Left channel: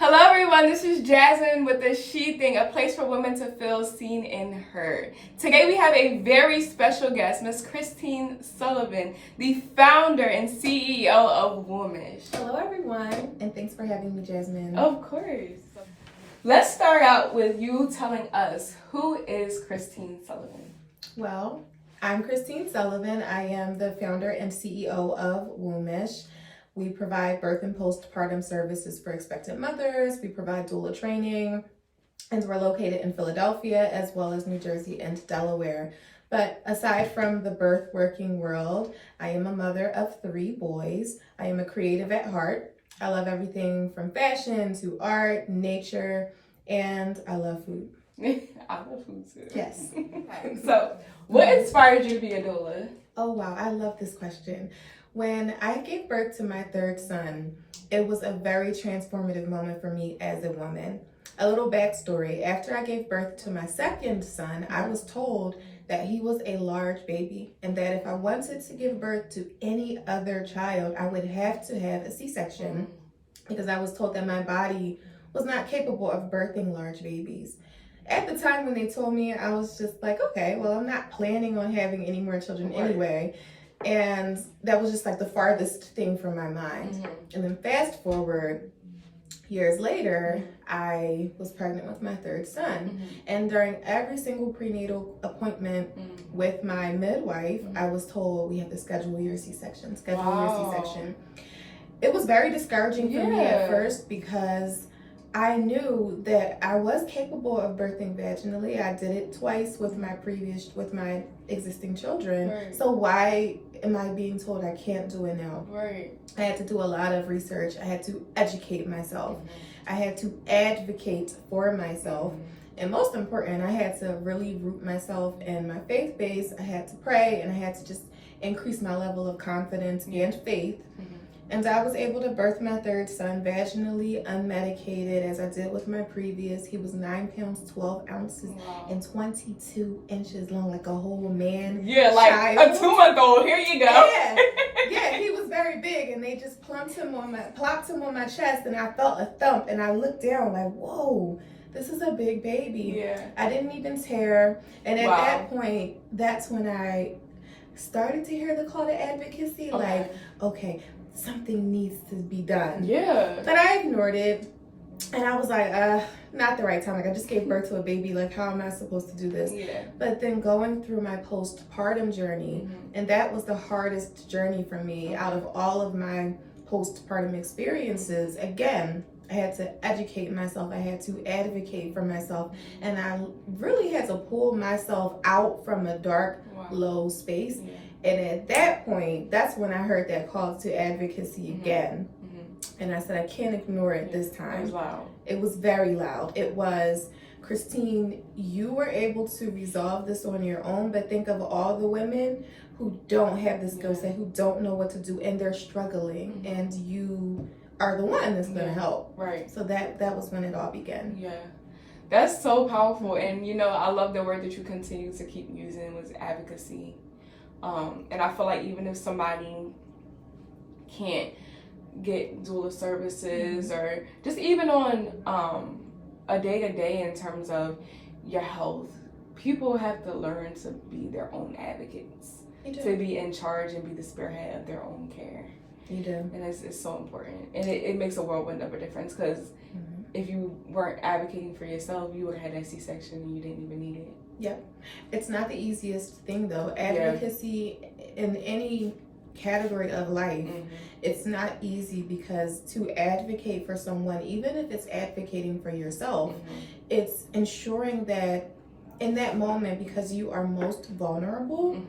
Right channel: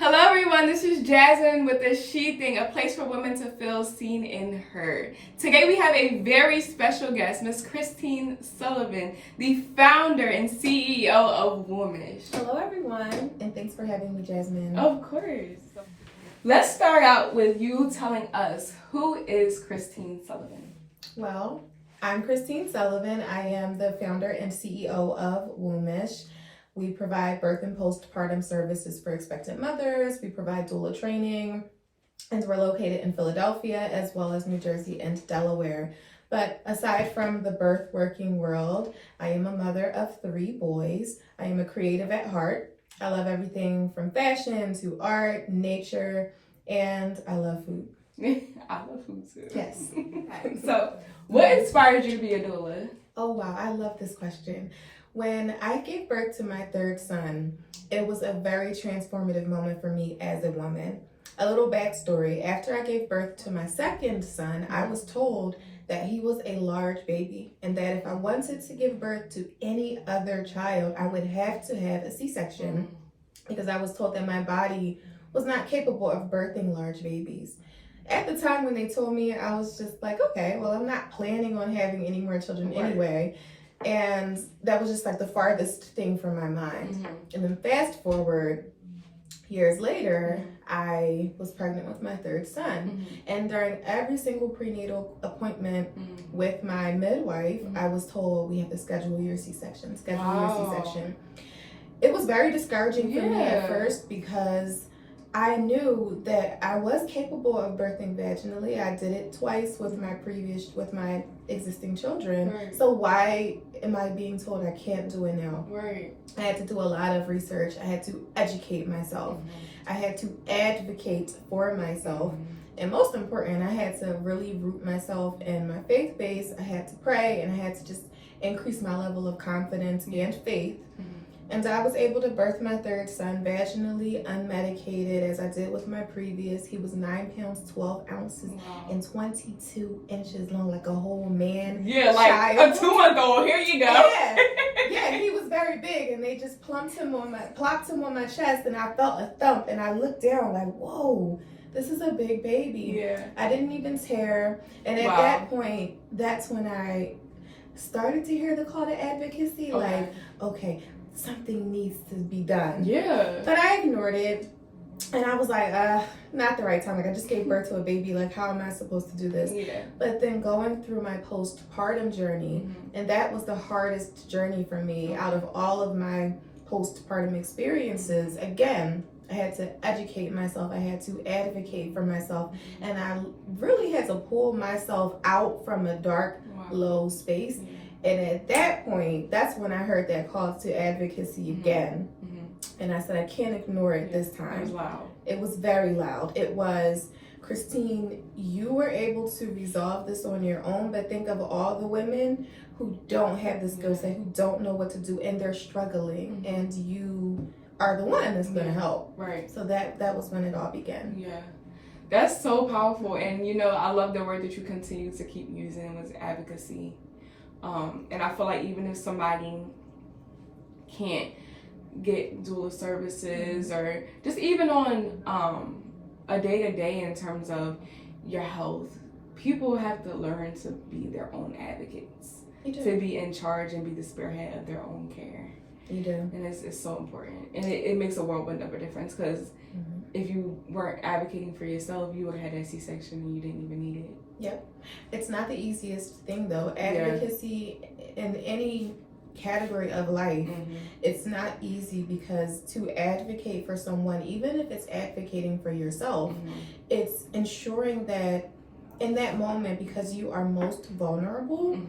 Hello everyone, this is Jasmine with the She Thing, a place for women to feel seen and heard. Today we have a very special guest, Miss Christine Sullivan, the founder and CEO of Womanish. Hello everyone, and thanks for having me, Jasmine. Of course. Let's start out with you telling us, who is Christine Sullivan? Well, I'm Christine Sullivan. I am the founder and CEO of Womanish. We provide birth and postpartum services for expectant mothers. We provide doula training, and we're located in Philadelphia as well as New Jersey and Delaware. But aside from the birth working world, I am a mother of 3 boys. I am a creative at heart. I love everything from fashion to art, nature, and I love food. I love food too. Yes. So, what inspired you to be a doula? Oh wow, I love this question. When I gave birth to my 3rd son, it was a very transformative moment for me as a woman. A little backstory: after I gave birth to my 2nd son, I was told that he was a large baby and that if I wanted to give birth to any other child, I would have to have a C-section because I was told that my body was not capable of birthing large babies. At the time when they told me, I was just like, okay, well, I'm not planning on having any more children anyway. And that was just like the farthest thing from my mind. And then fast forward years later, I was pregnant with my 3rd son. And during every single prenatal appointment with my midwife, I was told, we have to schedule your C-section, your C-section. It was very discouraging for me at first because I knew that I was capable of birthing vaginally. I did it twice with my existing children. Right. So why am I being told I can't do it now? Right. I had to do a lot of research. I had to educate myself. I had to advocate for myself. And most important, I had to really root myself in my faith base. I had to pray, and I had to just increase my level of confidence and faith. And I was able to birth my 3rd son vaginally, unmedicated, as I did with my previous. He was 9 pounds, 12 ounces, and 22 inches long, like a whole man. Yeah, like child. A 2-month-old. Here you go. Yeah, he was very big, and they just plopped him on my chest, and I felt a thump, and I looked down like, whoa, this is a big baby. Yeah. I didn't even tear, and at that point, that's when I started to hear the call to advocacy, like, okay, something needs to be done. Yeah. But I ignored it. And I was like, not the right time. Like, I just gave birth to a baby. Like, how am I supposed to do this? Yeah. But then going through my postpartum journey, and that was the hardest journey for me out of all of my postpartum experiences. Again, I had to educate myself. I had to advocate for myself. And I really had to pull myself out from a dark, low space. Yeah. And at that point, that's when I heard that call to advocacy again. And I said, I can't ignore it this time. It was loud. It was very loud. It was, Christine, you were able to resolve this on your own, but think of all the women who don't have the skill set, who don't know what to do, and they're struggling. And you are the one that's going to help. Right. So that was when it all began. Yeah. That's so powerful. And, you know, I love the word that you continue to keep using was advocacy. And I feel like even if somebody can't get doula services or just even on a day-to-day in terms of your health, people have to learn to be their own advocates, to be in charge and be the spearhead of their own care. You do. And it's so important. And it makes a whirlwind of a difference because if you weren't advocating for yourself, you would have had that C-section and you didn't even need it. Yeah. It's not the easiest thing though. Advocacy in any category of life, it's not easy because to advocate for someone, even if it's advocating for yourself, it's ensuring that in that moment, because you are most vulnerable,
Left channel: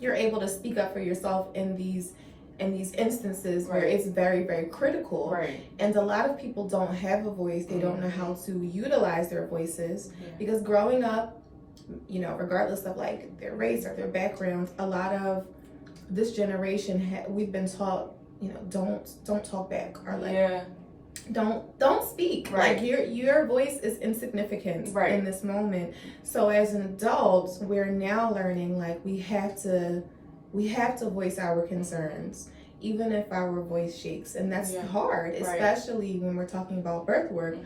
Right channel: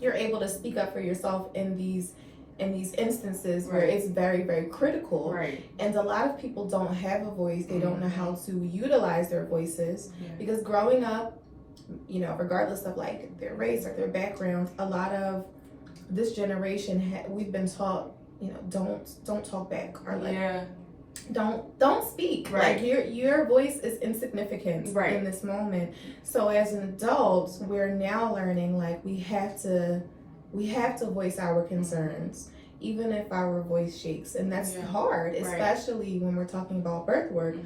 you're able to speak up for yourself in these instances where it's very, very critical. Right. And a lot of people don't have a voice. They don't know how to utilize their voices because growing up, you know, regardless of like their race or their background, a lot of this generation, we've been taught, you know, don't talk back or like don't speak. Right. Like your voice is insignificant in this moment. So as an adult, we're now learning like we have to voice our concerns. even if our voice shakes. And that's hard, especially when we're talking about birth work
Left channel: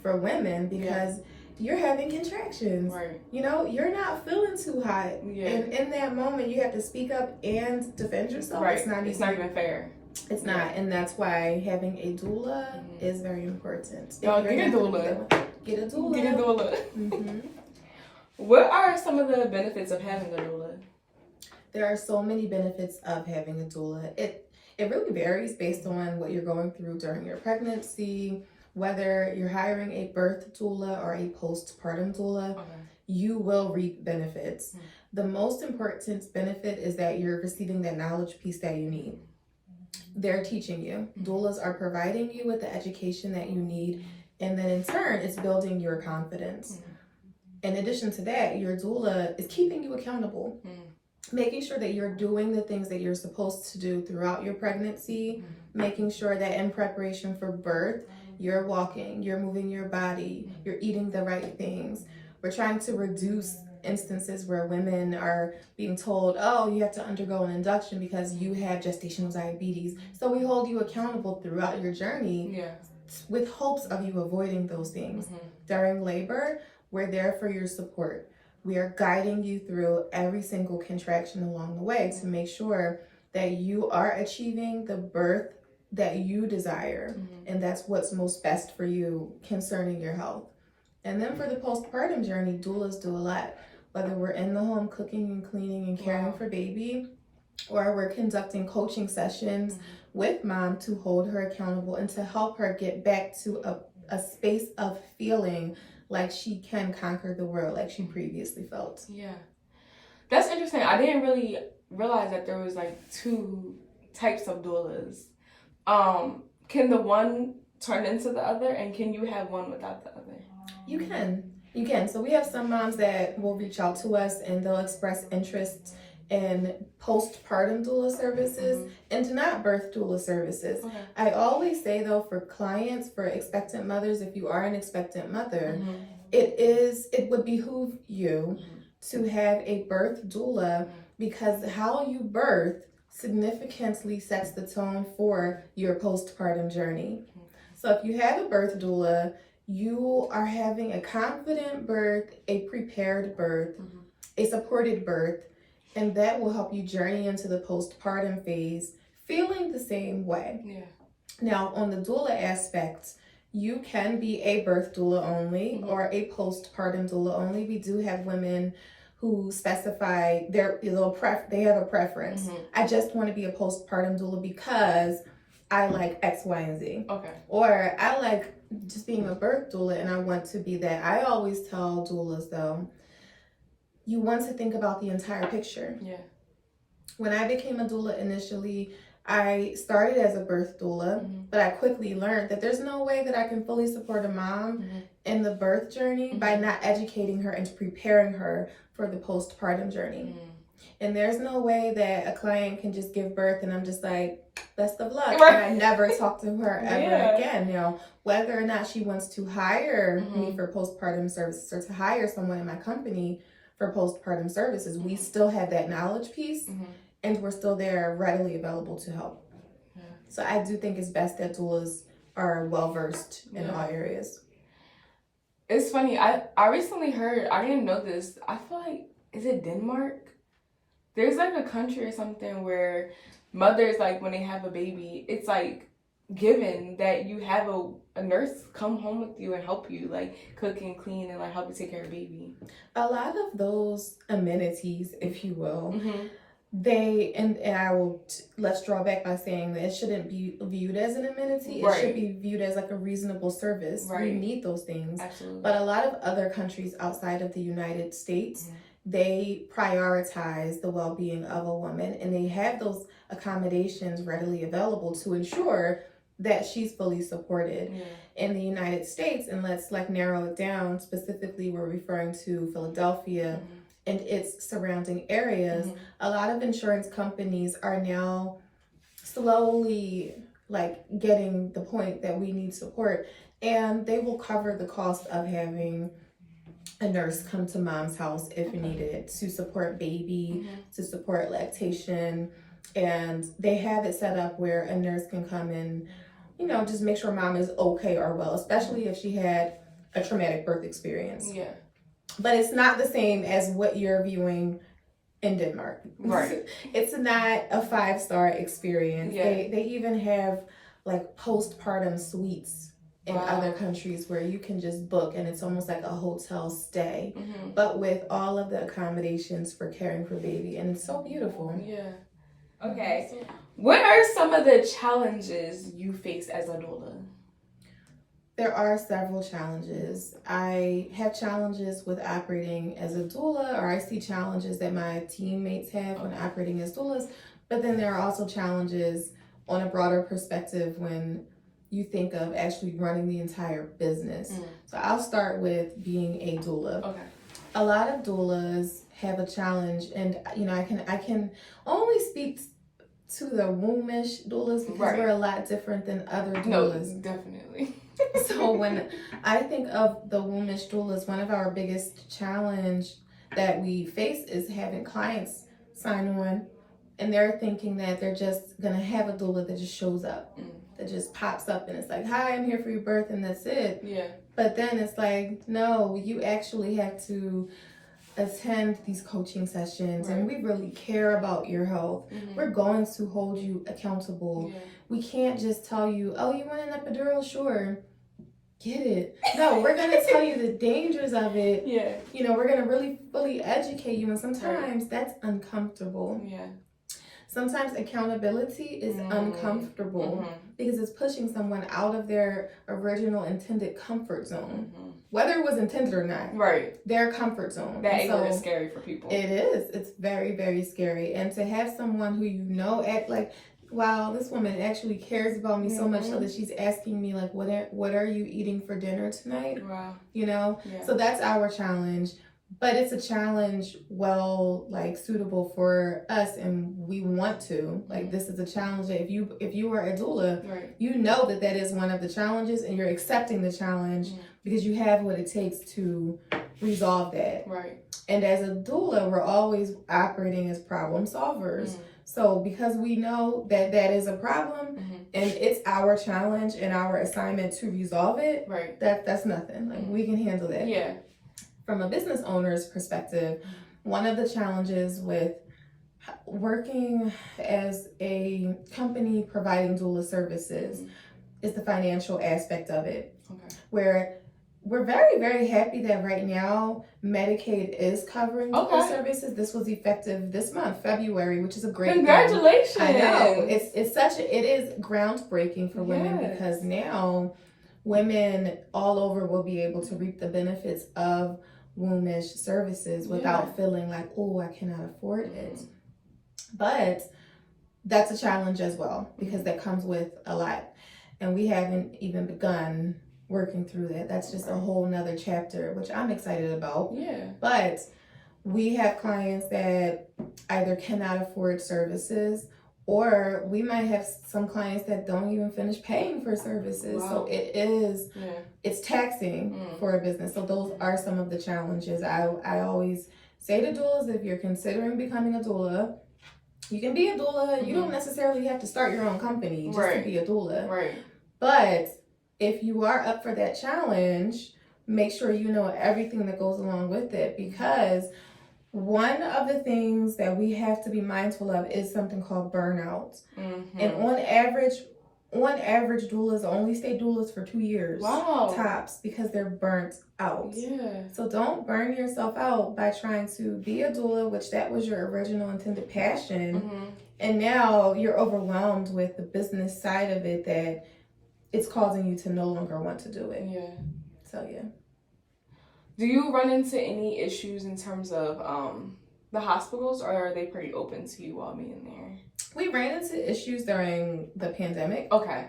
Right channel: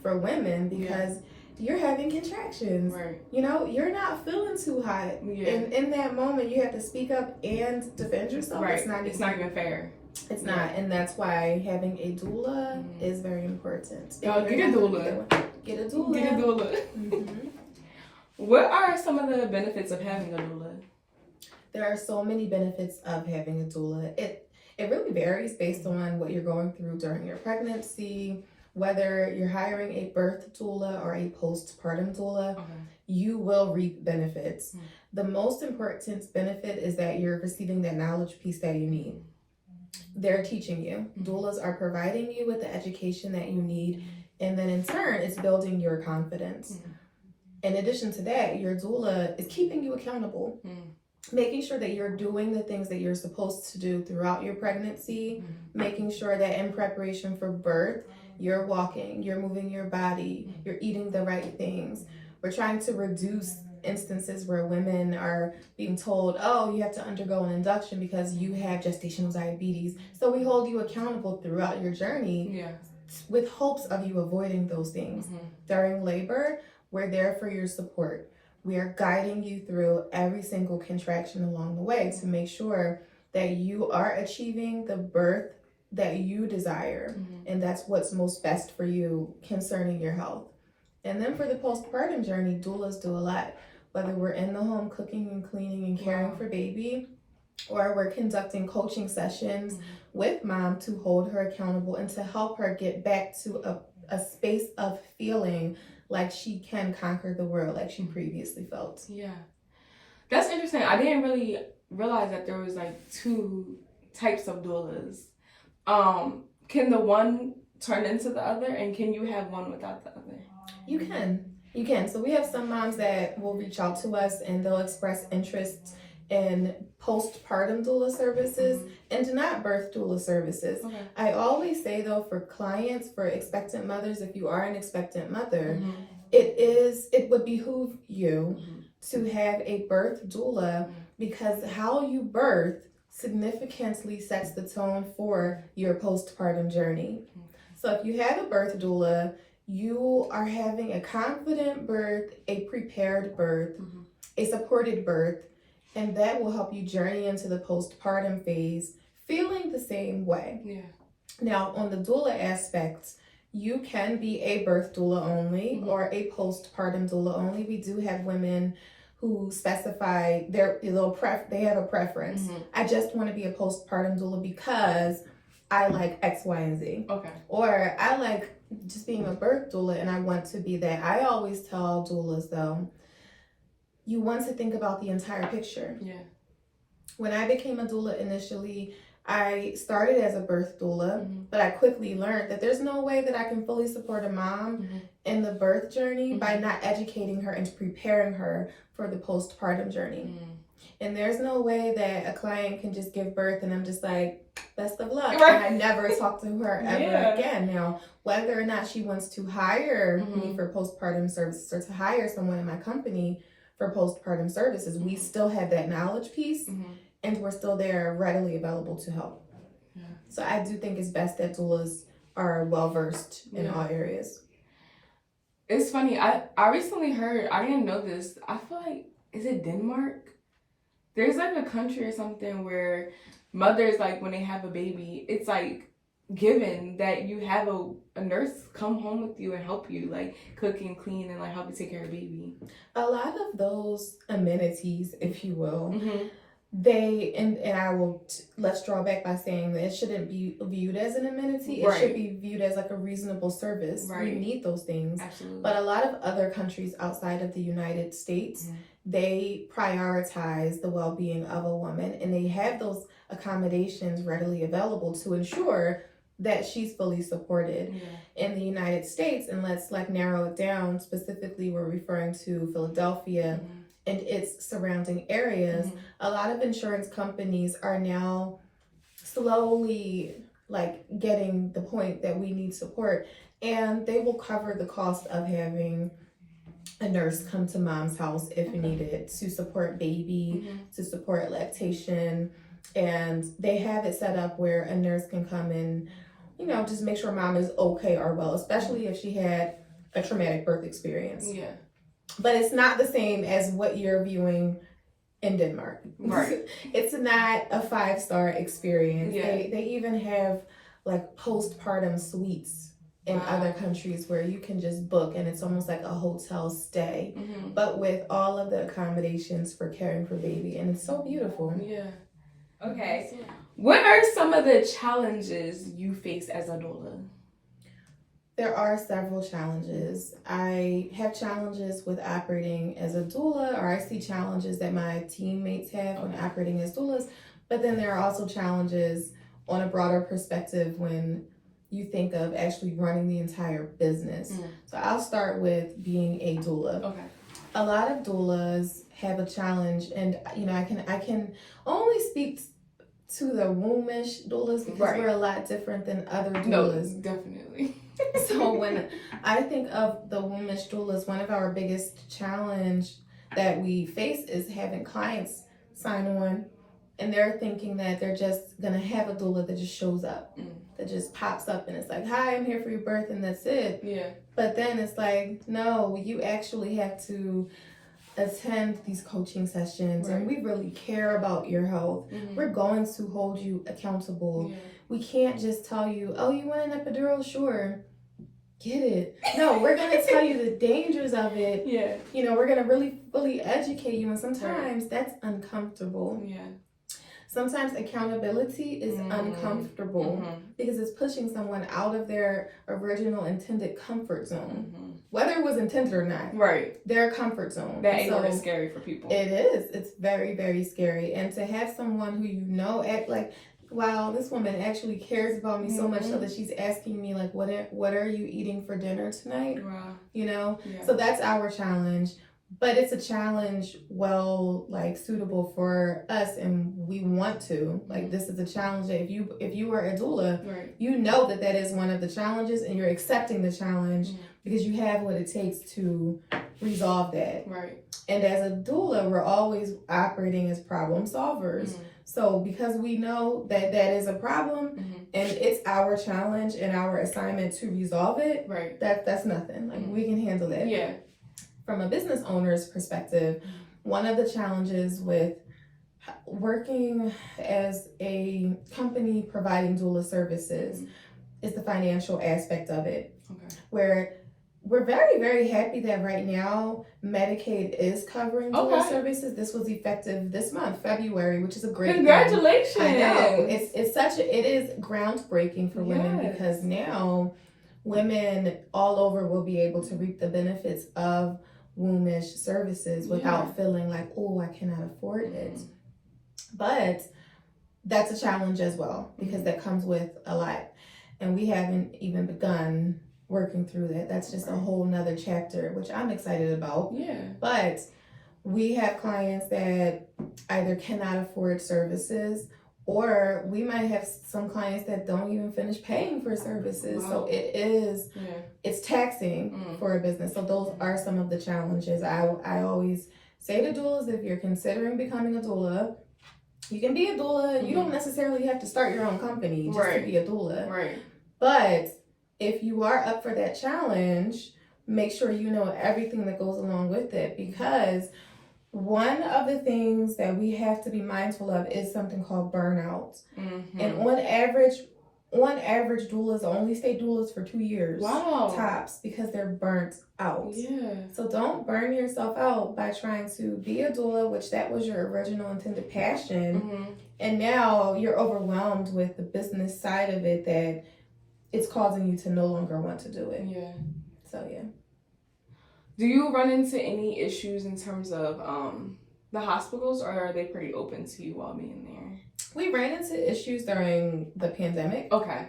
for women, because you're having contractions. You know, you're not feeling too hot. And in that moment, you have to speak up and defend yourself. It's not even fair. It's not. And that's why having a doula is very important. Get a doula. Get a doula. Get a doula. What are some of the benefits of having a doula? There are so many benefits of having a doula. It really varies based on what you're going through during your pregnancy, whether you're hiring a birth doula or a postpartum doula. You will reap benefits. The most important benefit is that you're receiving that knowledge piece that you need. They're teaching you. Doulas are providing you with the education that you need, and then in turn, it's building your confidence. In addition to that, your doula is keeping you accountable, making sure that you're doing the things that you're supposed to do throughout your pregnancy, making sure that in preparation for birth, you're walking, you're moving your body, you're eating the right things. We're trying to reduce instances where women are being told, oh, you have to undergo an induction because you have gestational diabetes. So we hold you accountable throughout your journey with hopes of you avoiding those things. During labor, we're there for your support. We are guiding you through every single contraction along the way to make sure that you are achieving the birth that you desire. And that's what's most best for you concerning your health. And then for the postpartum journey, doulas do a lot. Whether we're in the home cooking and cleaning and caring for baby, or we're conducting coaching sessions with mom to hold her accountable and to help her get back to a space of feeling like she can conquer the world like she previously felt. That's interesting. I didn't really realize that there was like two types of doulas. Can the one turn into the other, and can you have one without the other? You can. So we have some moms that will reach out to us and they'll express interest in postpartum doula services and do not birth doula services. I always say though, for clients, for expectant mothers, if you are an expectant mother, it would behoove you to have a birth doula, because how you birth significantly sets the tone for your postpartum journey. So if you have a birth doula, you are having a confident birth, a prepared birth, a supported birth, and that will help you journey into the postpartum phase feeling the same way. Now, on the doula aspect, you can be a birth doula only or a postpartum doula only. We do have women who specify they have a preference. I just want to be a postpartum doula because I like X, Y, and Z. Or I like just being a birth doula and I want to be that. I always tell doulas though, you want to think about the entire picture. When I became a doula initially, I started as a birth doula, but I quickly learned that there's no way that I can fully support a mom in the birth journey by not educating her and preparing her for the postpartum journey. And there's no way that a client can just give birth and I'm just like, best of luck. And I never talk to her ever again. Now, whether or not she wants to hire me for postpartum services or to hire someone in my company for postpartum services, we still have that knowledge piece and we're still there readily available to help. So I do think it's best that doulas are well-versed in all areas. It's funny, I recently heard, I didn't know this, I feel like, is it Denmark? There's like a country or something where mothers, like when they have a baby, it's like given that you have a nurse come home with you and help you like cook and clean and like help you take care of the baby. A lot of those amenities, if you will, they, and I will, let's draw back by saying that it shouldn't be viewed as an amenity. It should be viewed as like a reasonable service. We need those things. But a lot of other countries outside of the United States, they prioritize the well-being of a woman and they have those accommodations readily available to ensure that she's fully supported. In the United States, and let's like narrow it down, specifically we're referring to Philadelphia and its surrounding areas, a lot of insurance companies are now slowly like getting the point that we need support, and they will cover the cost of having a nurse come to mom's house if needed to support baby, to support lactation, And they have it set up where a nurse can come and, you know, just make sure mom is okay or well, especially if she had a traumatic birth experience. Yeah. But it's not the same as what you're viewing in Denmark. Right. It's not a 5-star experience. Yeah. They even have like postpartum suites in other countries where you can just book and it's almost like a hotel stay, but with all of the accommodations for caring for baby, and it's so beautiful. Yeah. Okay. What are some of the challenges you face as a doula? There are several challenges. I have challenges with operating as a doula, or I see challenges that my teammates have when operating as doulas, but then there are also challenges on a broader perspective when you think of actually running the entire business. So I'll start with being a doula. Okay. A lot of doulas have a challenge, and you know, I can only speak to the wombish doulas because we're a lot different than other doulas. No, definitely. So when I think of the wombish doulas, one of our biggest challenge that we face is having clients sign on and they're thinking that they're just gonna have a doula that just shows up, that just pops up and it's like, hi, I'm here for your birth, and that's it. Yeah. But then it's like, no, you actually have to attend these coaching sessions, and we really care about your health. We're going to hold you accountable. We can't just tell you, oh, you want an epidural? Sure. Get it. No, we're going to tell you the dangers of it. Yeah. You know, we're going to really fully educate you, and sometimes that's uncomfortable. Yeah. Sometimes accountability is uncomfortable because it's pushing someone out of their original intended comfort zone. Whether it was intended or not. Right. Their comfort zone. That angle is scary for people. It is. It's very, very scary. And to have someone who you know act like, wow, this woman actually cares about me so much so that she's asking me like, what are you eating for dinner tonight? Wow. You know? Yeah. So that's our challenge. But it's a challenge suitable for us, and we want to. Like, this is a challenge that if you were a doula, you know that is one of the challenges, and you're accepting the challenge because you have what it takes to resolve that. Right. And as a doula, we're always operating as problem solvers. So because we know that is a problem and it's our challenge and our assignment to resolve it, that's nothing. Like, we can handle that. Yeah. From a business owner's perspective, one of the challenges with working as a company providing doula services is the financial aspect of it. Okay. Where we're very, very happy that right now Medicaid is covering doula services. This was effective this month, February, which is a great Congratulations. Thing. I know. It is groundbreaking for women because now women all over will be able to reap the benefits of wombish services without feeling like, oh, I cannot afford it. But that's a challenge as well because that comes with a lot. And we haven't even begun working through that. That's just a whole nother chapter, which I'm excited about. Yeah. But we have clients that either cannot afford services, or we might have some clients that don't even finish paying for services. Wow. So it's taxing for a business. So those are some of the challenges. I always say to doulas, if you're considering becoming a doula, you can be a doula. You don't necessarily have to start your own company just to be a doula. Right. But if you are up for that challenge, make sure you know everything that goes along with it, because one of the things that we have to be mindful of is something called burnout. And on average, doulas only stay doulas for 2 years. Wow. Tops, because they're burnt out. Yeah. So don't burn yourself out by trying to be a doula, which that was your original intended passion. And now you're overwhelmed with the business side of it that it's causing you to no longer want to do it. Yeah. So, yeah. Do you run into any issues in terms of the hospitals, or are they pretty open to you all being there? We ran into issues during the pandemic. Okay.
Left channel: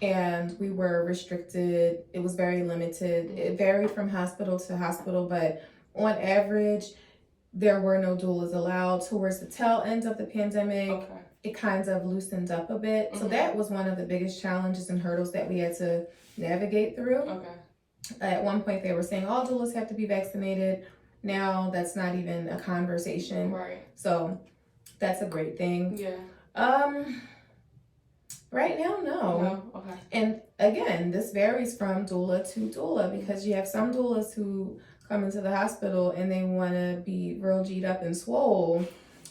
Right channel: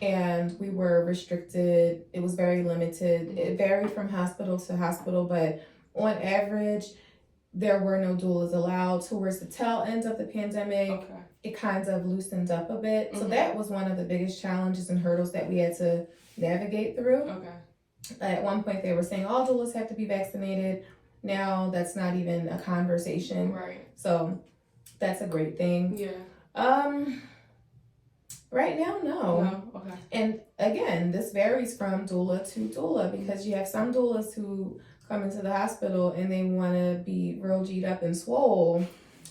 And we were restricted. It was very limited. It varied from hospital to hospital, but on average, there were no doulas allowed. Towards the tail end of the pandemic, it kind of loosened up a bit. So that was one of the biggest challenges and hurdles that we had to navigate through. Okay. At one point, they were saying all doulas have to be vaccinated. Now, that's not even a conversation. Right. So that's a great thing. Yeah. Right now, no. No? Okay. And again, this varies from doula to doula because you have some doulas who come into the hospital and they want to be real G'd up and swole,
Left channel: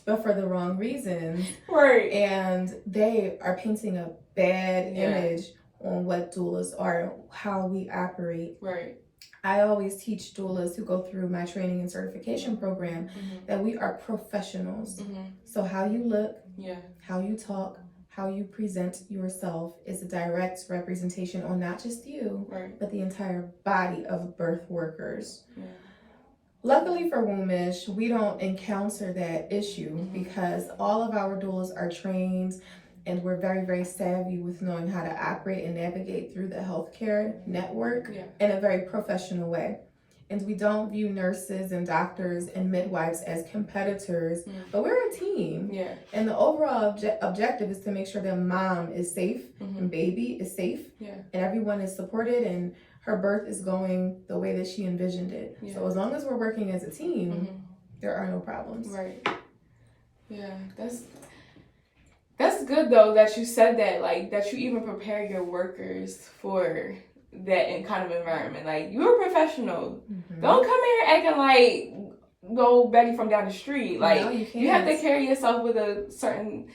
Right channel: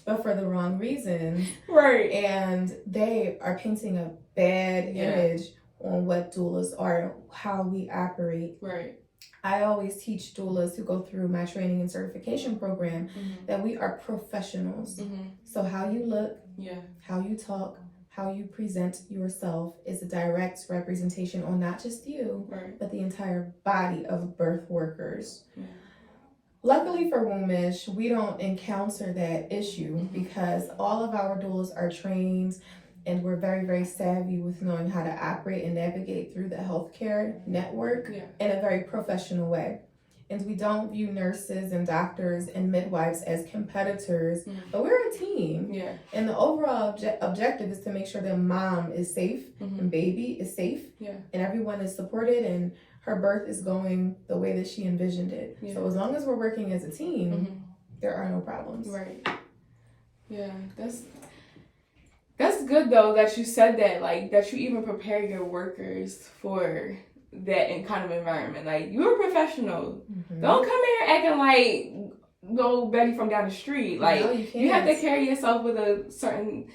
but for the wrong reasons. Right. And they are painting a bad image on what doulas are, how we operate. Right. I always teach doulas who go through my training and certification program that we are professionals. So how you look, how you talk, how you present yourself is a direct representation on not just you, but the entire body of birth workers. Luckily for Wombish, we don't encounter that issue because all of our doulas are trained and we're very, very savvy with knowing how to operate and navigate through the healthcare network in a very professional way. And we don't view nurses and doctors and midwives as competitors, but we're a team. And the overall objective is to make sure that mom is safe and baby is safe and everyone is supported and her birth is going the way that she envisioned it. So as long as we're working as a team, there are no problems. Right. Yeah, that's good though that you said that, like that you even prepare your workers for that kind of environment. Like, you're a professional. Don't come here acting like no Betty from down the street. Like, no, you have to carry yourself with a certain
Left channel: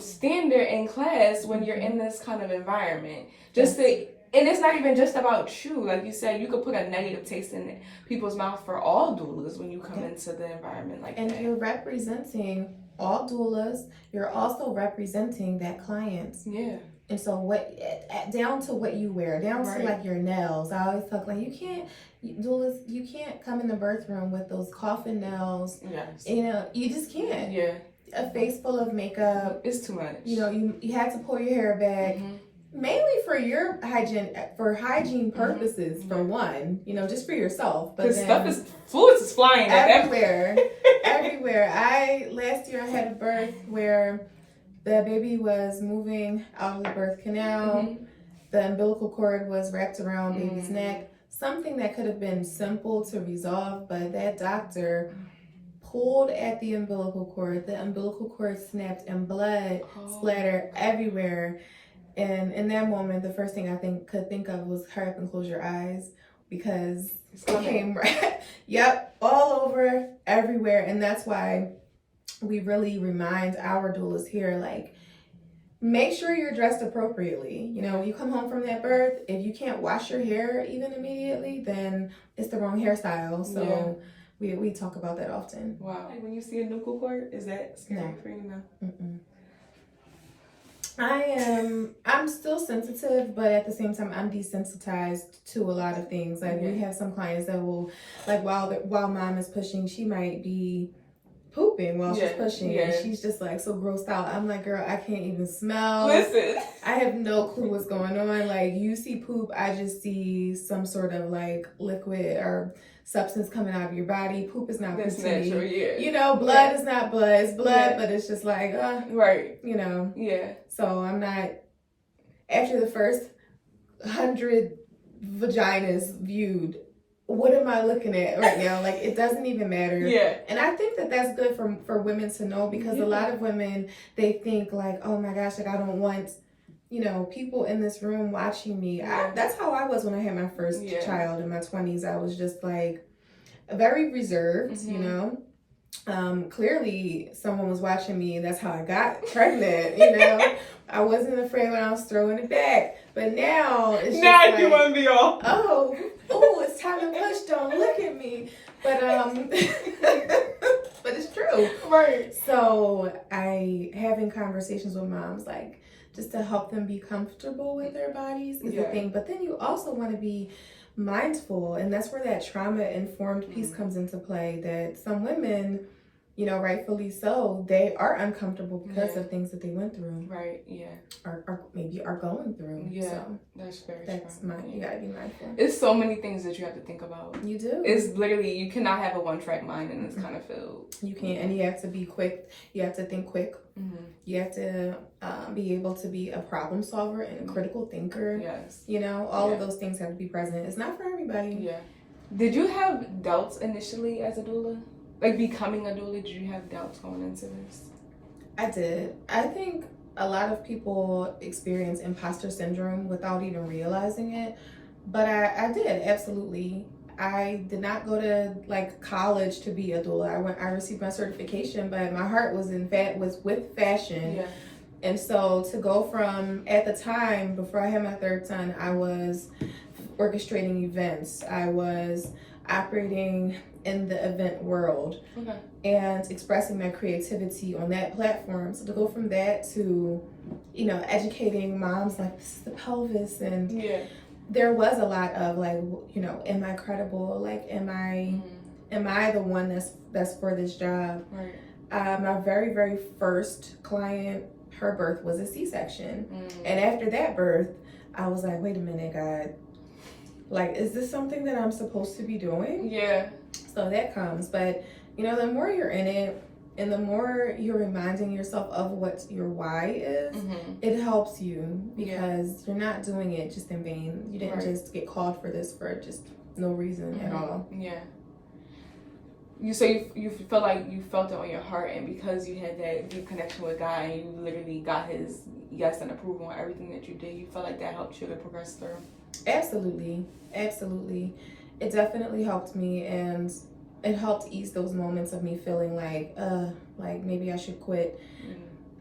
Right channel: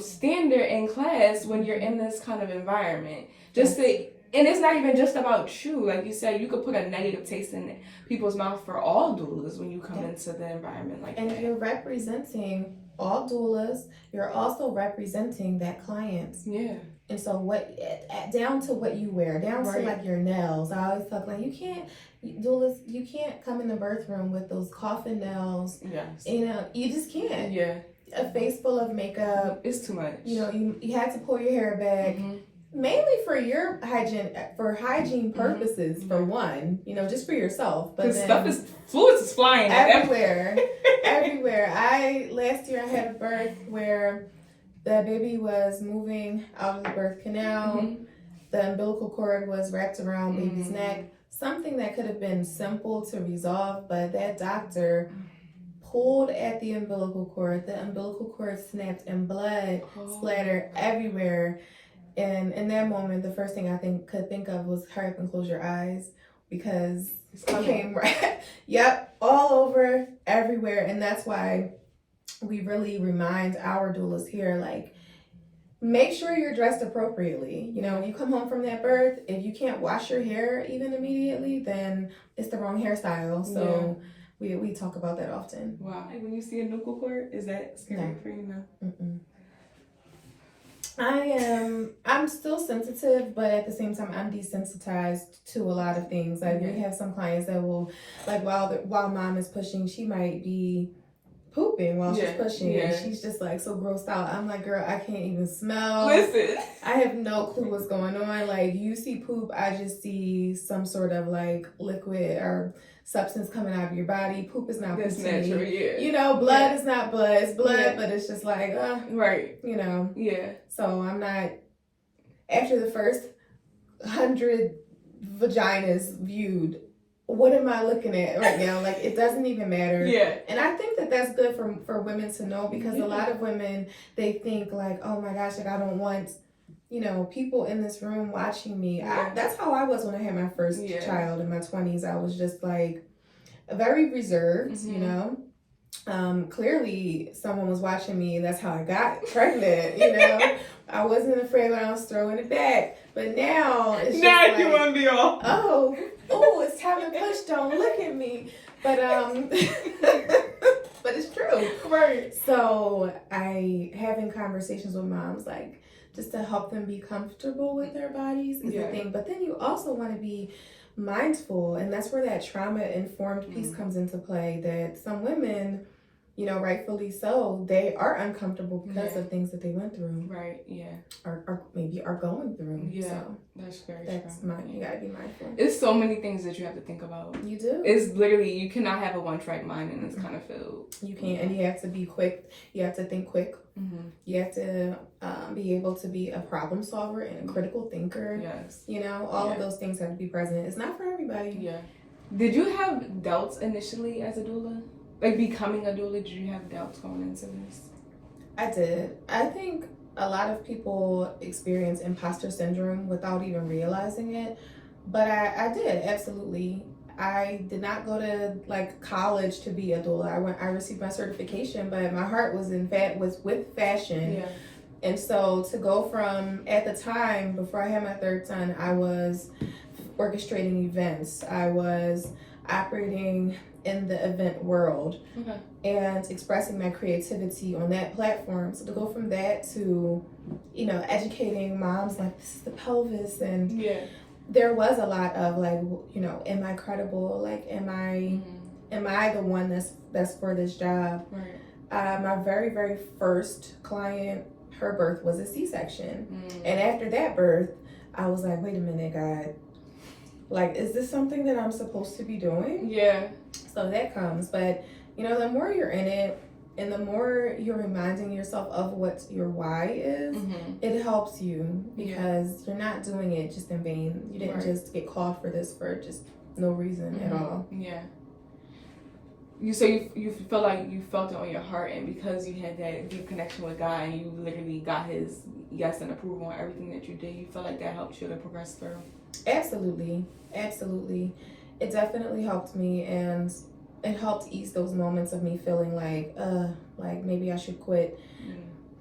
standard in class when you're in this kind of environment. And it's not even just about you. Like you said, you could put a negative taste in people's mouth for all doulas when you come into the environment like that. And you're representing all doulas. You're also representing that client. And so down to what you wear, down to like your nails. I always talk like you can't come in the birth room with those coffin nails. You know, you just can't. A face full of makeup. It's too much. You know, you had to pull your hair back. Mainly for your hygiene purposes, for one, you know, just for yourself. But fluids is flying everywhere. Last year I had a birth where the baby was moving out of the birth canal. The umbilical cord was wrapped around baby's neck. Something that could have been simple to resolve, but that doctor pulled at the umbilical cord. The umbilical cord snapped and blood splattered everywhere. And in that moment, the first thing I could think of was hurry up and close your eyes because it came all over, everywhere. And that's why we really remind our doulas here, like, make sure you're dressed appropriately. You know, when you come home from that birth, if you can't wash your hair even immediately, then it's the wrong hairstyle. So we talk about that often. Wow. When you see a nuchal cord, is that scary for you now? I'm still sensitive, but at the same time, I'm desensitized to a lot of things. Like we have some clients that will, like while mom is pushing, she might be pooping while she's pushing, and she's just like so grossed out. I'm like, girl, I can't even smell. Listen, I have no clue what's going on. Like, you see poop, I just see some sort of like liquid or substance coming out of your body. Poop is not that's natural, you know, blood is not blood. It's blood, but it's just like, you know. So I'm not, after the first 100 vaginas viewed, what am I looking at right now? Like, it doesn't even matter. And I think that that's good for women to know, because a lot of women, they think like, oh my gosh, like I don't want, you know, people in this room watching me. That's how I was when I had my first child in my 20s. I was just like very reserved, you know. Clearly someone was watching me. That's how I got pregnant, you know. I wasn't afraid when I was throwing it back. But now it's just like, you want to be all, oh, it's time to push. Don't look at me. But but it's true. So having conversations with moms, like, just to help them be comfortable with their bodies is the thing. But then you also want to be mindful, and that's where that trauma-informed piece comes into play, that some women, you know, rightfully so, they are uncomfortable because of things that they went through. Or maybe are going through. So that's very true. You gotta be mindful. It's so many things that you have to think about. You do. It's literally, you cannot have a one-track mind in this kind of field. You can't, and you have to be quick. You have to think quick. You have to be able to be a problem solver and a critical thinker. You know, all of those things have to be present. It's not for everybody. Did you have doubts initially as a doula? Like, becoming a doula, did you have doubts going into this? I did. I think a lot of people experience imposter syndrome without even realizing it, but I did, absolutely. I did not go to like college to be a doula. I received my certification, but my heart was was with fashion. Yeah. And so to go from, at the time before I had my third son, I was orchestrating events. I was operating in the event world, okay, and expressing my creativity on that platform. So to go from that to, you know, educating moms, like, this is the pelvis, and yeah, there was a lot of like, you know, am I credible? Like, am I the one that's for this job? right. My very, very first client, her birth was a C-section. Mm. And after that birth, I was like, wait a minute, God, like, is this something that I'm supposed to be doing? Yeah. So that comes. But, you know, the more you're in it and the more you're reminding yourself of what your why is, it helps you, because you're not doing it just in vain. You didn't just get called for this for just no reason at all. Yeah. You feel like you felt it on your heart, and because you had that deep connection with God and you literally got his yes and approval on everything that you did, you feel like that helped you to progress through. Absolutely. It definitely helped me, and it helped ease those moments of me feeling like maybe I should quit.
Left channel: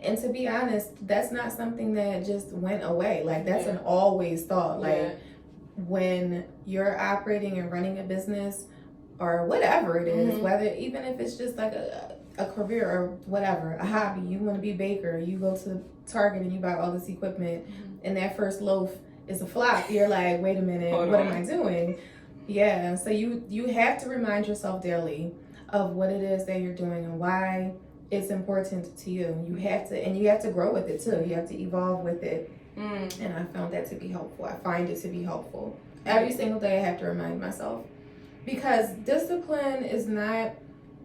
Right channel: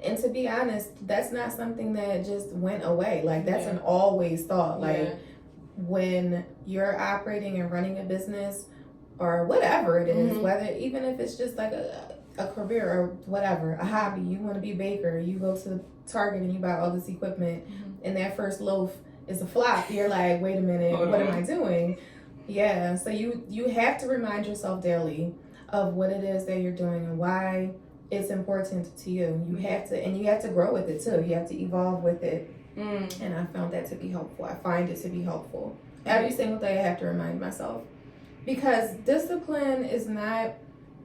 And to be honest, that's not something that just went away. Like, that's an always thought. Like, when you're operating and running a business or whatever it is, whether, even if it's just like a career or whatever, a hobby, you want to be a baker, you go to Target and you buy all this equipment, and that first loaf is a flop, you're like, wait a minute, what am I doing? Yeah, so you have to remind yourself daily of what it is that you're doing and why it's important to you. You have to grow with it too. You have to evolve with it. And I found that to be helpful. I find it to be helpful. Every single day I have to remind myself, because discipline is not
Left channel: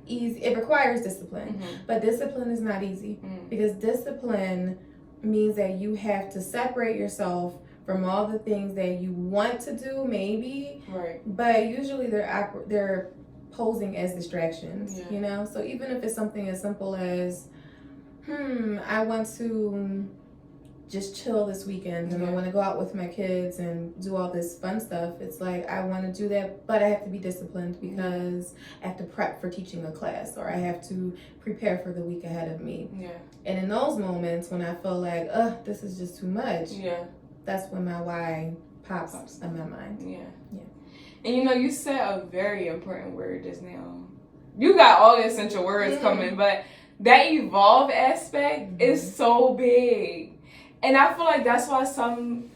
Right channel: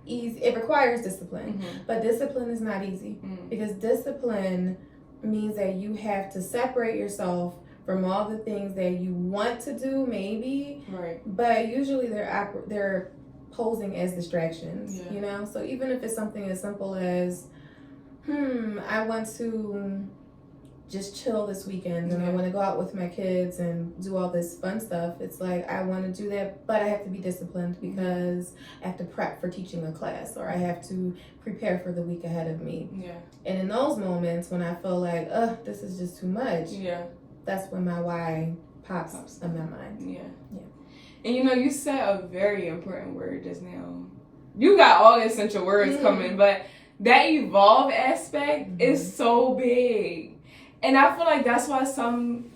easy. It requires discipline, but discipline is not easy, because discipline means that you have to separate yourself from all the things that you want to do, maybe, but usually they're posing as distractions, you know? So even if it's something as simple as, I want to just chill this weekend and I want to go out with my kids and do all this fun stuff, it's like, I want to do that, but I have to be disciplined because I have to prep for teaching a class, or I have to prepare for the week ahead of me. And in those moments when I feel like, this is just too much, that's when my why pops in my mind. And you know, you said a very important word just now. You got all the essential words coming, but that evolve aspect is so big. And I feel like that's why some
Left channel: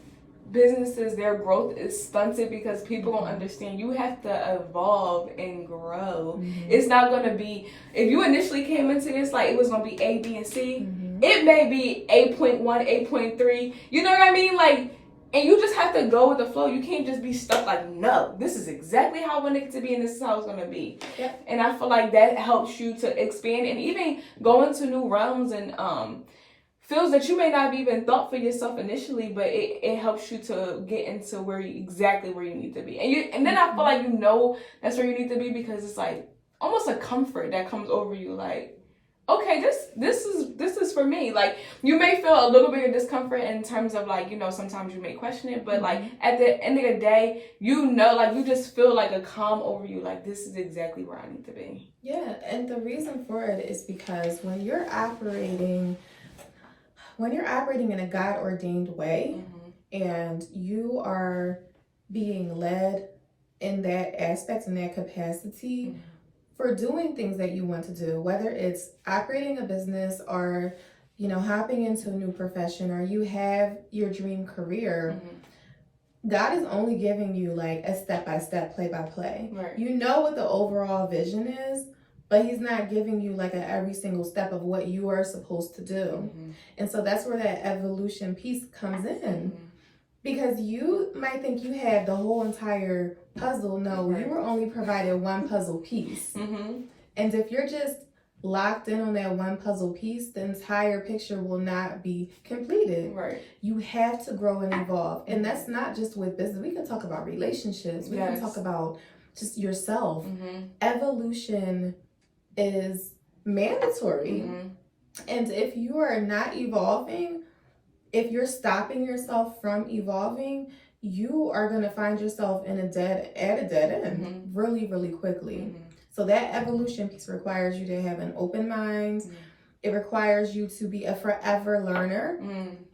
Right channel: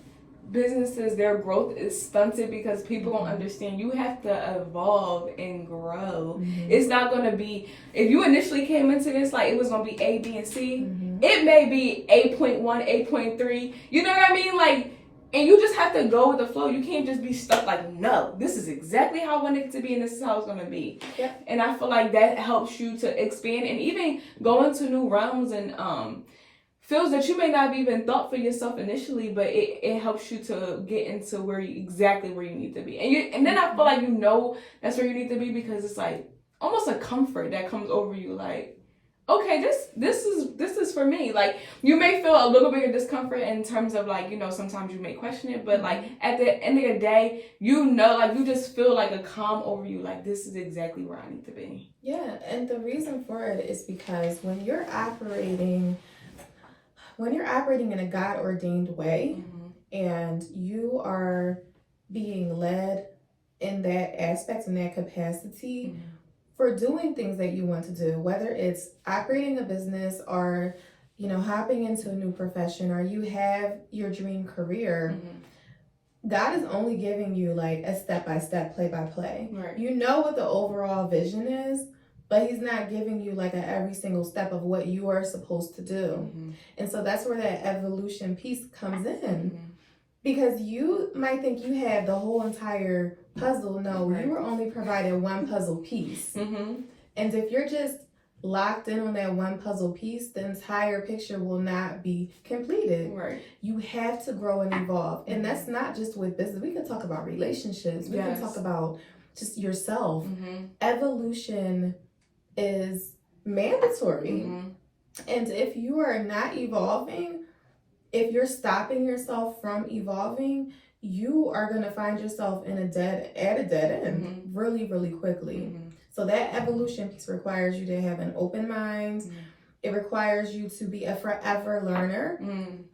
businesses, their growth is stunted, because people don't understand you have to evolve and grow. It's not going to be, if you initially came into this like it was going to be A, B, and C, it may be 8.1, 8.3. You know what I mean? Like, and you just have to go with the flow. You can't just be stuck like, no, this is exactly how I want it to be and this is how it's going to be. And I feel like that helps you to expand and even go into new realms and fields that you may not have even thought for yourself initially, but it helps you to get into exactly where you need to be. And then I feel like you know that's where you need to be, because it's like almost a comfort that comes over you, like, okay, this is for me. Like, you may feel a little bit of discomfort in terms of, like, you know, sometimes you may question it, but like at the end of the day, you know, like, you just feel like a calm over you, like, this is exactly where I need to be. Yeah, and the reason for it is because when you're operating in a God-ordained way, and you are being led in that aspect, in that capacity, for doing things that you want to do, whether it's operating a business or, you know, hopping into a new profession, or you have your dream career, God is only giving you like a step-by-step, play-by-play. You know what the overall vision is, but he's not giving you like every single step of what you are supposed to do. And so that's where that evolution piece comes in. Because you might think you have the whole entire puzzle. No, you were only provided one puzzle piece. And if you're just locked in on that one puzzle piece, the entire picture will not be completed. You have to grow and evolve. And that's not just with business. We can talk about relationships. We can talk about just yourself. Evolution is mandatory. And if you are not evolving, if you're stopping yourself from evolving, you are going to find yourself at a dead end really, really quickly. So that evolution piece requires you to have an open mind. It requires you to be a forever learner.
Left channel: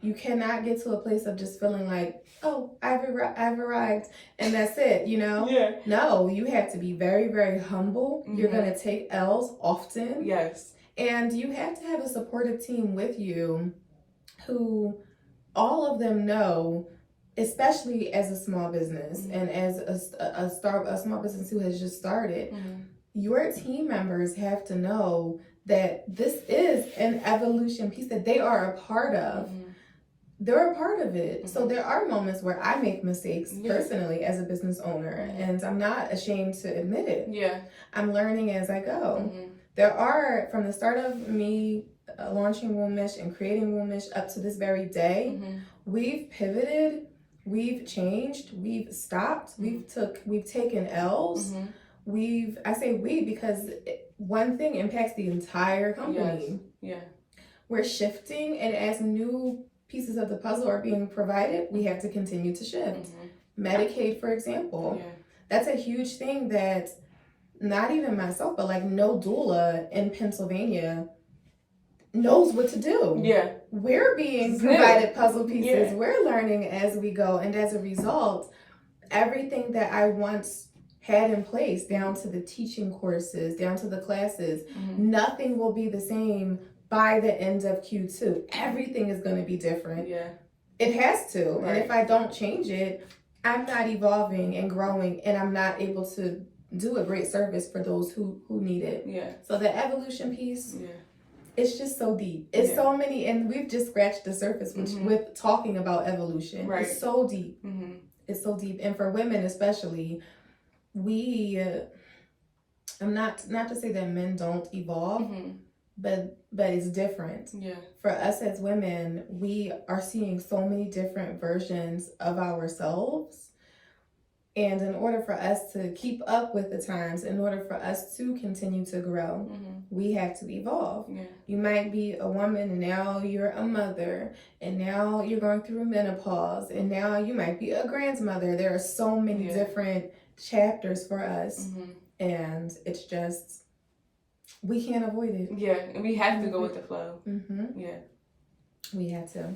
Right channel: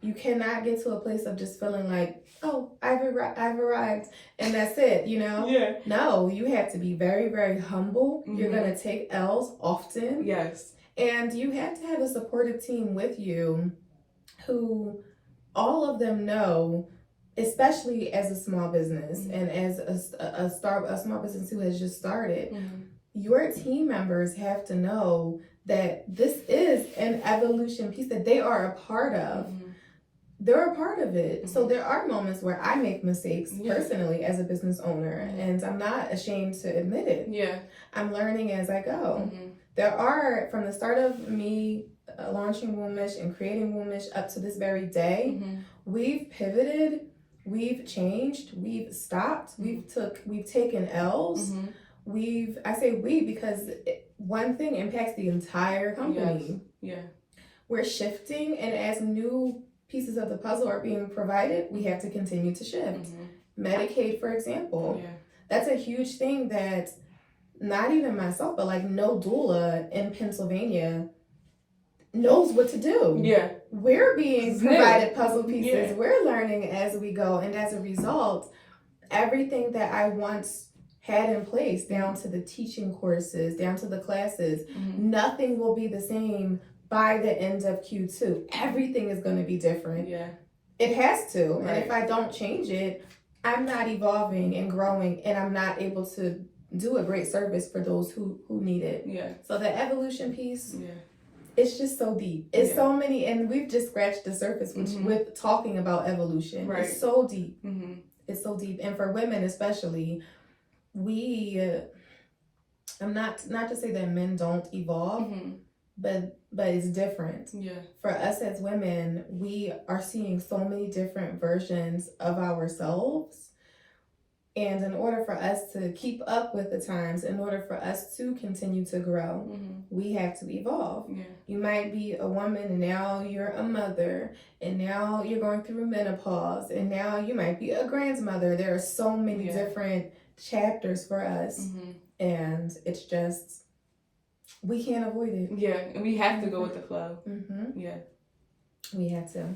You cannot get to a place of just feeling like, oh, I've arrived and that's it, you know? Yeah. No, you have to be very, very humble. You're going to take L's often. Yes. And you have to have a supportive team with you who all of them know, especially as a small business and as a small business who has just started, your team members have to know that this is an evolution piece that they are a part of. They're a part of it. So there are moments where I make mistakes personally as a business owner, and I'm not ashamed to admit it. Yeah. I'm learning as I go. There are, from the start of me launching Wombish and creating Wombish up to this very day, we've pivoted, we've changed, we've stopped, we've taken L's. I say we because one thing impacts the entire company. Yes. Yeah. We're shifting, and as new pieces of the puzzle are being provided, we have to continue to shift. Medicaid, for example, that's a huge thing that not even myself, but like no doula in Pennsylvania knows what to do. Yeah. We're being provided puzzle pieces. Yeah. We're learning as we go. And as a result, everything that I once had in place, down to the teaching courses, down to the classes, nothing will be the same by the end of Q2. Everything is going to be different. Yeah. It has to. Right. And if I don't change it, I'm not evolving and growing, and I'm not able to do a great service for those who need it. Yeah. So the evolution piece, it's just so deep. It's so many, and we've just scratched the surface with talking about evolution. Right. It's so deep. It's so deep. And for women especially, I'm not to say that men don't evolve, but it's different. Yeah. For us as women, we are seeing so many different versions of ourselves. And in order for us to keep up with the times, in order for us to continue to grow, we have to evolve. Yeah. You might be a woman and now you're a mother, and now you're going through menopause, and now you might be a grandmother. There are so many different chapters for us, and it's just, we can't avoid it. Yeah, and we have to go with the flow. Yeah, we have to.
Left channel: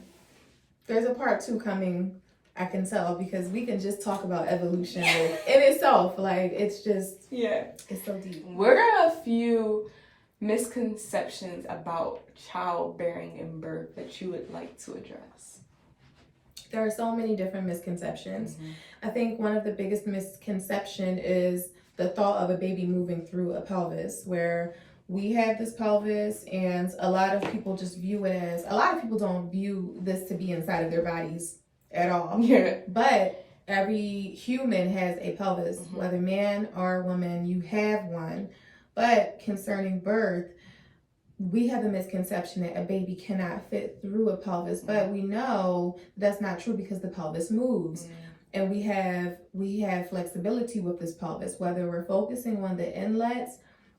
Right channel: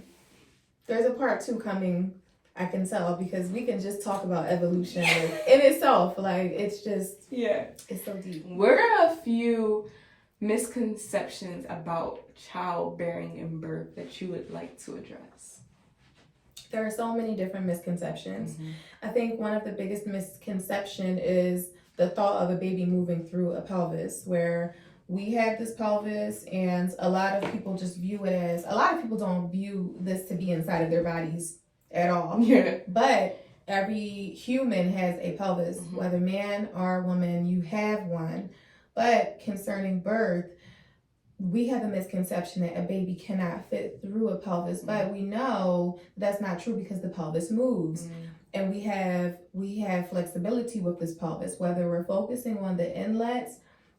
There's a part 2 coming, I can tell, because we can just talk about evolution in itself. Like, it's just, it's so deep. What are a few misconceptions about childbearing and birth that you would like to address? There are so many different misconceptions. I think one of the biggest misconception is the thought of a baby moving through a pelvis, where we had this pelvis, and a lot of people just view it as, a lot of people don't view this to be inside of their bodies at all. Yeah. But every human has a pelvis, whether man or woman, you have one. But concerning birth, we have a misconception that a baby cannot fit through a pelvis, but we know that's not true because the pelvis moves. And we have flexibility with this pelvis, whether we're focusing on the inlet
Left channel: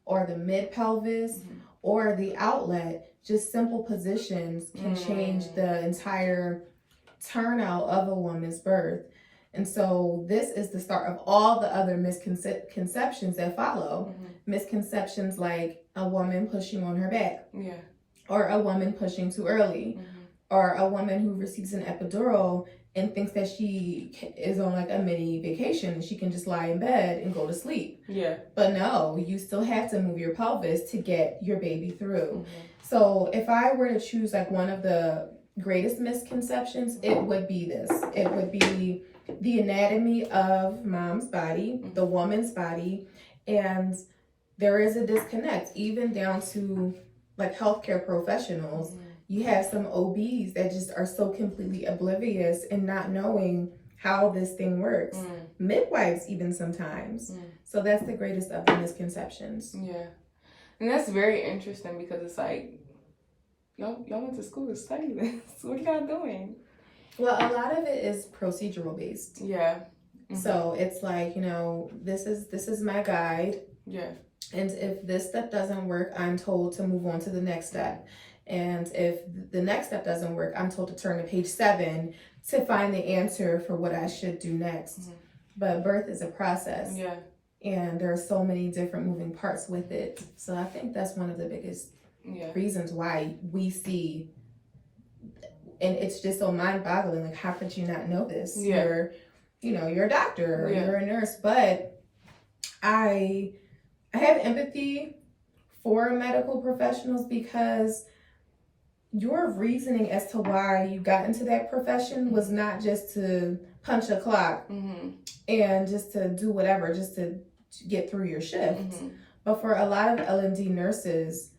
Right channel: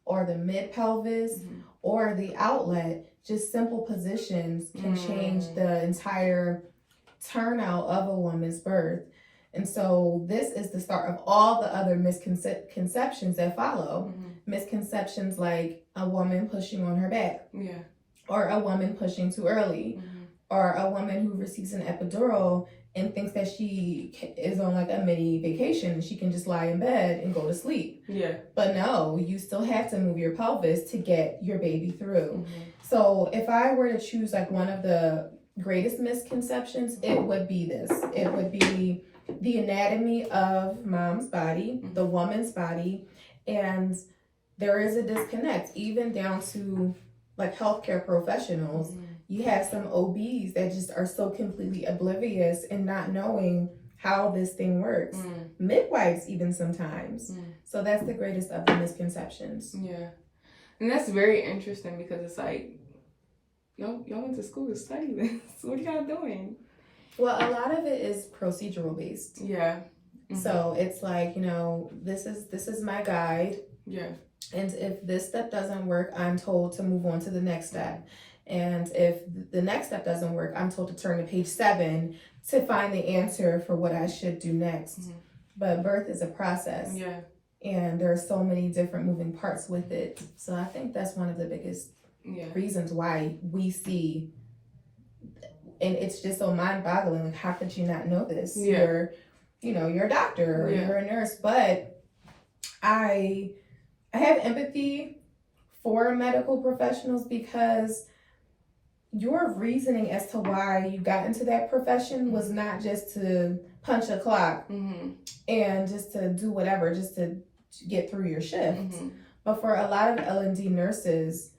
or the mid pelvis or the outlet. Just simple positions can change the entire turnout of a woman's birth. And so this is the start of all the other misconceptions that follow. Misconceptions like a woman pushing on her back, or a woman pushing too early, or a woman who receives an epidural and thinks that she is on like a mini vacation and she can just lie in bed and go to sleep. Yeah. But no, you still have to move your pelvis to get your baby through. So if I were to choose like one of the greatest misconceptions, it would be this. It would be the anatomy of mom's body, the woman's body, and there is a disconnect, even down to like healthcare professionals. You have some OBs that just are so completely oblivious and not knowing how this thing works. Midwives even sometimes. So that's the greatest of the misconceptions. Yeah. And that's very interesting because it's like, y'all went to school to study this. What are y'all doing? Well, a lot of it is procedural based. Yeah. So it's like, this is my guide. Yeah. And if this step doesn't work, I'm told to move on to the next step. And if the next step doesn't work, I'm told to turn to page 7 to find the answer for what I should do next. Mm-hmm. But birth is a process. Yeah. And there are so many different moving parts with it. So I think that's one of the biggest reasons why we see, and it's just so mind-boggling. Like, how could you not know this? Yeah. You're a doctor or you're a nurse, but I have empathy for medical professionals because your reasoning as to why you got into that profession was not just to punch a clock and just to do whatever, just to get through your shift. But for a lot of L&D nurses,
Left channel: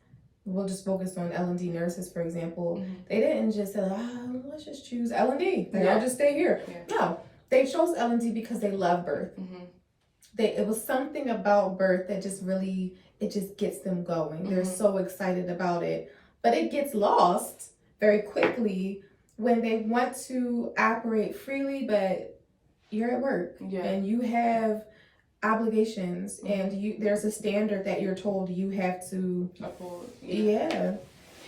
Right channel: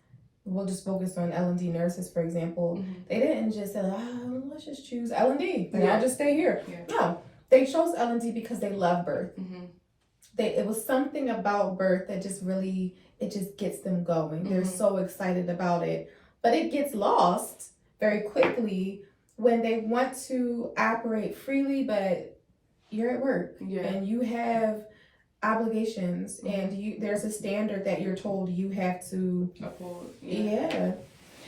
we'll just focus on L&D nurses, for example, they didn't just say, let's just choose L&D and I'll just stay here. No, they chose L&D because they love birth. It was something about birth that just really, it just gets them going. They're so excited about it. But it gets lost very quickly when they want to operate freely, but you're at work and you have obligations and there's a standard that you're told you have to uphold.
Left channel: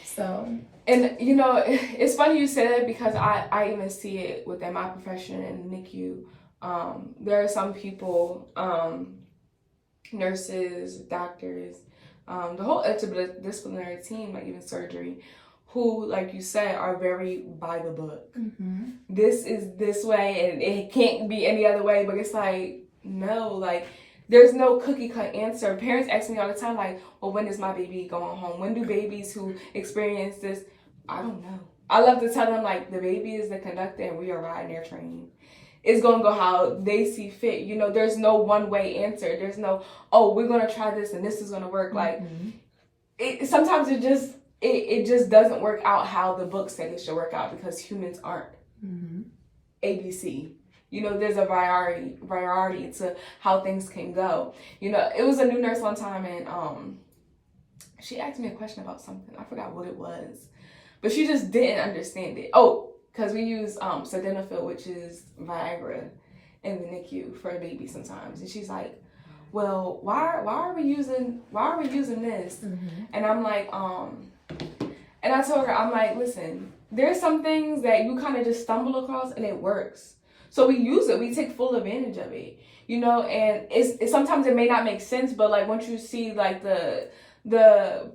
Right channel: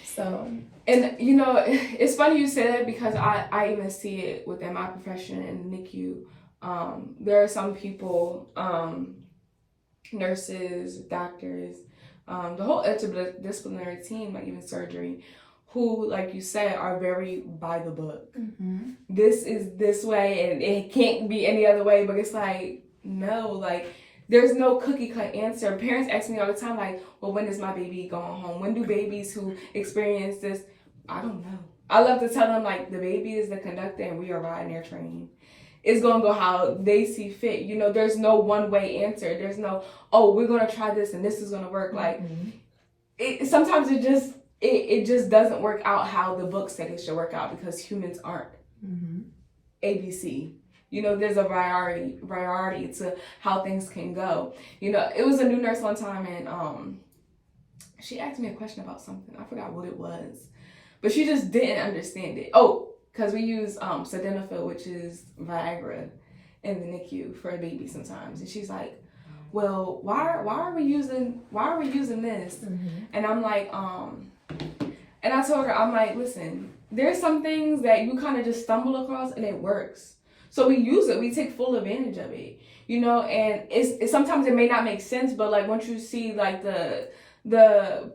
So, and it's funny you say that because I even see it within my profession in the NICU. There are some people, nurses, doctors, the whole interdisciplinary team, like even surgery, who, like you said, are very by the book. This is this way and it can't be any other way, but it's like, no, like there's no cookie cut answer. Parents ask me all the time, like, well, when is my baby going home? When do babies who experience this? I don't know. I love to tell them, like, the baby is the conductor and we are riding their train. It's going to go how they see fit. There's no one way answer. There's no, we're going to try this and this is going to work. Like, sometimes it just doesn't work out how the book said it should work out because humans aren't ABC. There's a variety to how things can go. It was a new nurse one time and she asked me a question about something. I forgot what it was, but she just didn't understand it. Because we use sildenafil, which is Viagra, in the NICU for a baby sometimes. And she's like, well, why are we using this? And I'm like, and I told her, I'm like, listen, there's some things that you kind of just stumble across and it works. So we use it, we take full advantage of it, and it's sometimes it may not make sense, but like once you see like the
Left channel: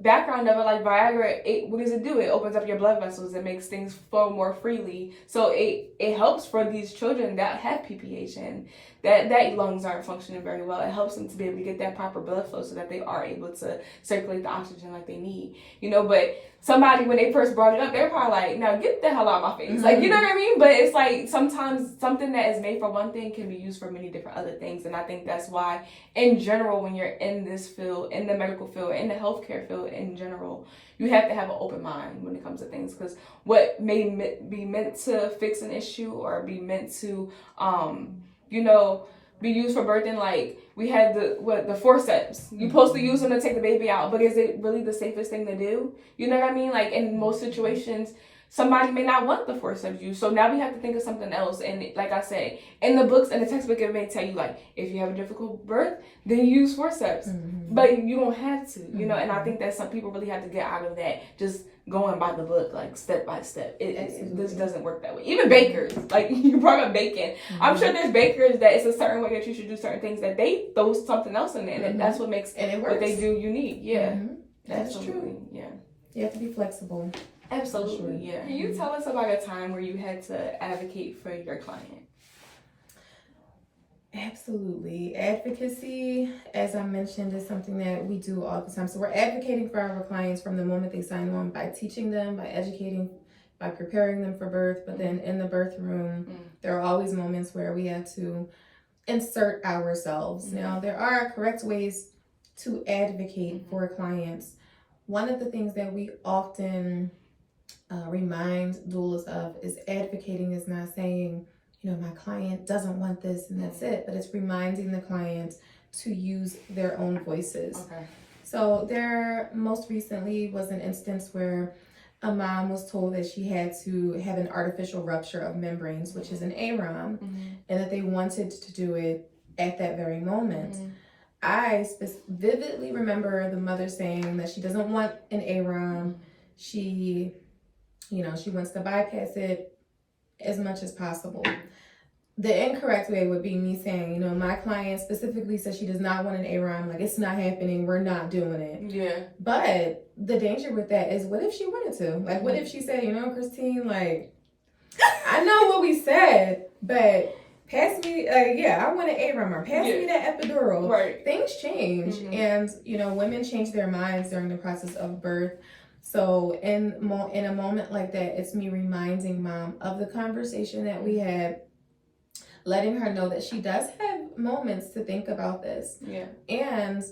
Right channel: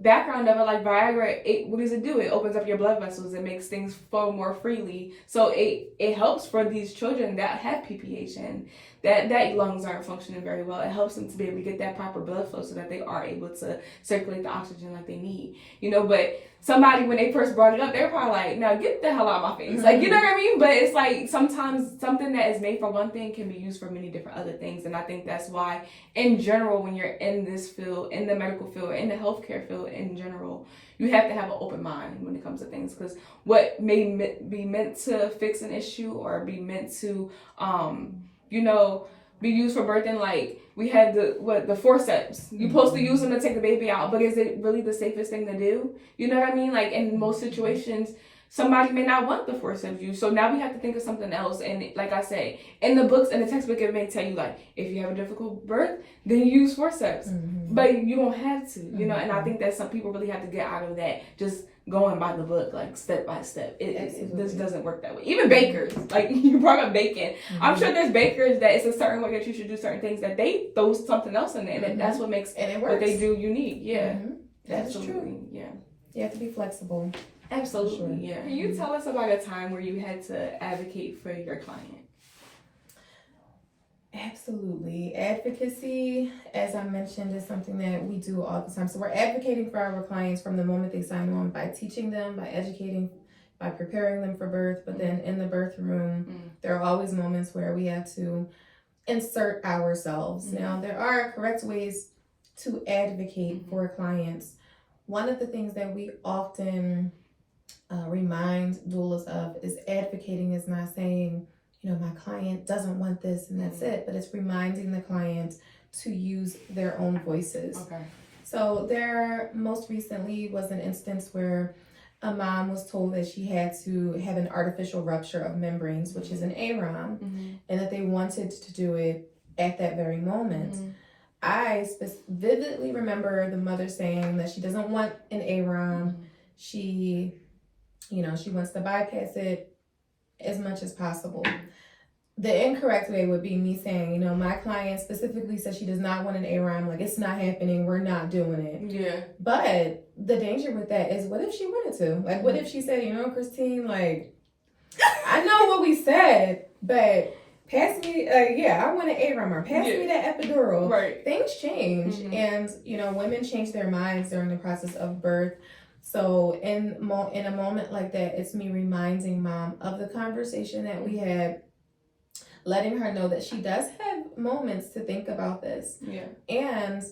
background of it, like Viagra, what does it do? It opens up your blood vessels. It makes things flow more freely. So it helps for these children that have PPH and that lungs aren't functioning very well. It helps them to be able to get that proper blood flow so that they are able to circulate the oxygen like they need. But somebody, when they first brought it up, they're probably like, now get the hell out of my face. Like, you know what I mean? But it's like sometimes something that is made for one thing can be used for many different other things. And I think that's why, in general, when you're in this field, in the medical field, in the healthcare field in general, you have to have an open mind when it comes to things. Because what may be meant to fix an issue or be meant to, be used for birthing, like we had the forceps. You're supposed to use them to take the baby out, but is it really the safest thing to do? You know what I mean? Like in most situations, somebody may not want the forceps used. So now we have to think of something else. And like I said, in the books and the textbook, it may tell you like, if you have a difficult birth, then you use forceps. But you don't have to, and I think that some people really have to get out of that, just going by the book, like step by step. This doesn't work that way. Even bakers, like you brought up baking. I'm sure there's bakers that it's a certain way that you should do certain things that they throw something else in there, and that's what makes what they do unique. That's true. You have to be flexible. Absolutely, Can you tell us about a time where you had to advocate for your client? Absolutely. Advocacy, as I mentioned, is something that we do all the time. So we're advocating for our clients from the moment they sign on, by teaching them, by educating, by preparing them for birth. But then in the birth room, there are always moments where we have to insert ourselves. Now, there are correct ways to advocate for clients. One of the things that we often remind doulas of is advocating is not saying, my client doesn't want this and that's it, but it's reminding the client to use their own voices. Okay. So there most recently was an instance where a mom was told that she had to have an artificial rupture of membranes, which is an AROM, and that they wanted to do it at that very moment. I vividly remember the mother saying that she doesn't want an AROM. She, you know, she wants to bypass it as much as possible. The incorrect way would be me saying, you know, my client specifically says she does not want an AROM. Like, it's not happening. We're not doing it. Yeah. But the danger with that is, what if she wanted to? Like, what if she said, you know, Christine, like, I know what we said, but pass me, I want an AROM, or pass me that epidural. Right. Things change. And, you know, women change their minds during the process of birth. So in a moment like that, it's me reminding mom of the conversation that we had, letting her know that she does have moments to think about this. Yeah. And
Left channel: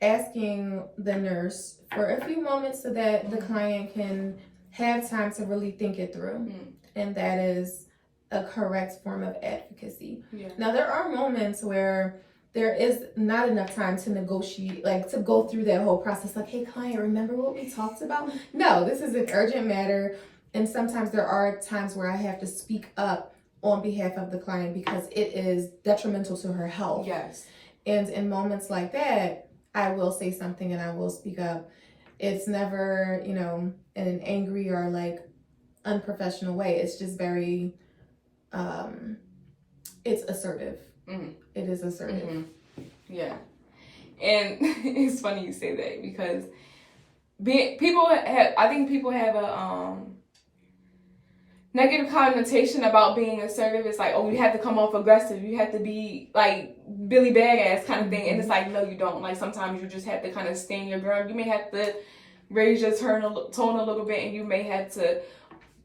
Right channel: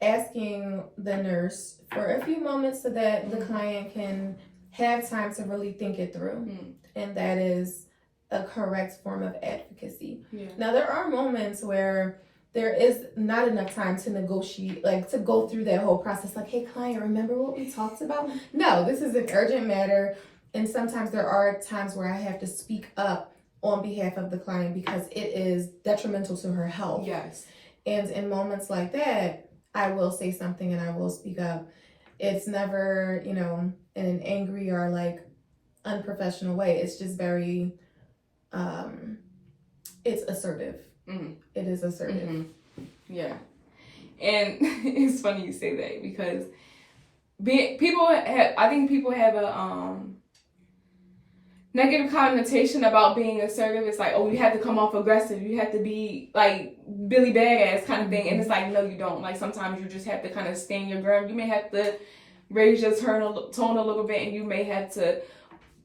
asking the nurse for a few moments so that the client can have time to really think it through. And that is a correct form of advocacy. Yeah. Now, there are moments where there is not enough time to negotiate, like to go through that whole process. Like, hey, client, remember what we talked about? No, this is an urgent matter. And sometimes there are times where I have to speak up on behalf of the client because it is detrimental to her health. Yes. And in moments like that, I will say something and I will speak up. It's never, you know, in an angry or like unprofessional way. It's just very, it's assertive. It is assertive. Yeah. And it's funny you say that because I think people have a negative connotation about being assertive. It's like, oh, you have to come off aggressive. You have to be like Billy Badass kind of thing. And it's like, no, you don't. Like, sometimes you just have to kind of stand your ground. You may have to raise your tone a little bit, and you may have to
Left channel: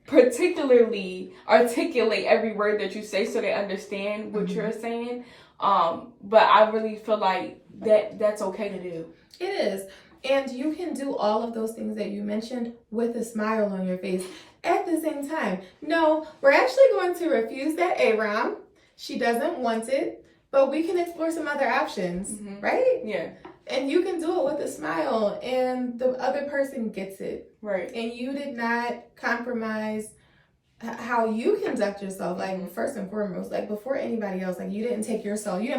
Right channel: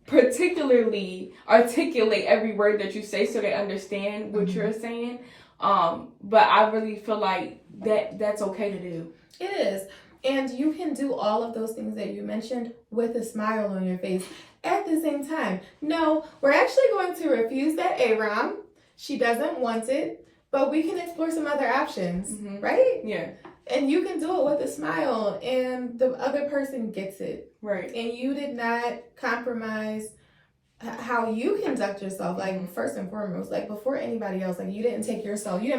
particularly articulate every word that you say so they understand what you're saying. But I really feel like that's okay to do. It is. And you can do all of those things that you mentioned with a smile on your face at the same time. No, we're actually going to refuse that AROM. She doesn't want it, but we can explore some other options, right? Yeah. And you can do it with a smile, and the other person gets it. Right. And you did not compromise how you conduct yourself. Like, first and foremost, like before anybody else, like you didn't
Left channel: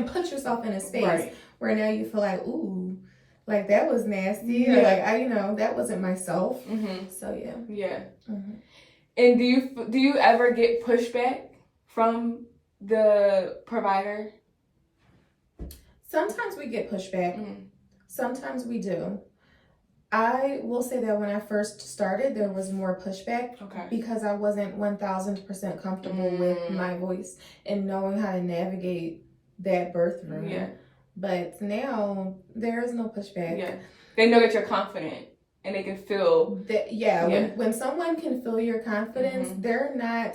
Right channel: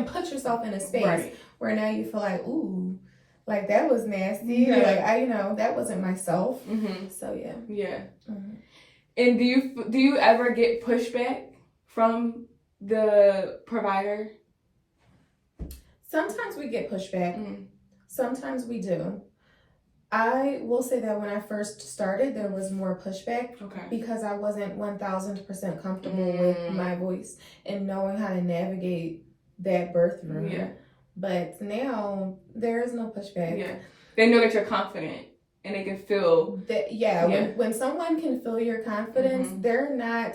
put yourself in a space where now you feel like, ooh, like that was nasty. Or like, that wasn't myself. So yeah. Yeah. And do you ever get pushback from the provider? Sometimes we get pushback. Sometimes we do. I will say that when I first started, there was more pushback because I wasn't 1000% comfortable with my voice and knowing how to navigate that birth room. Yeah. But now there is no pushback. Yeah. They know that you're confident and they can feel that. When someone can feel your confidence, they're not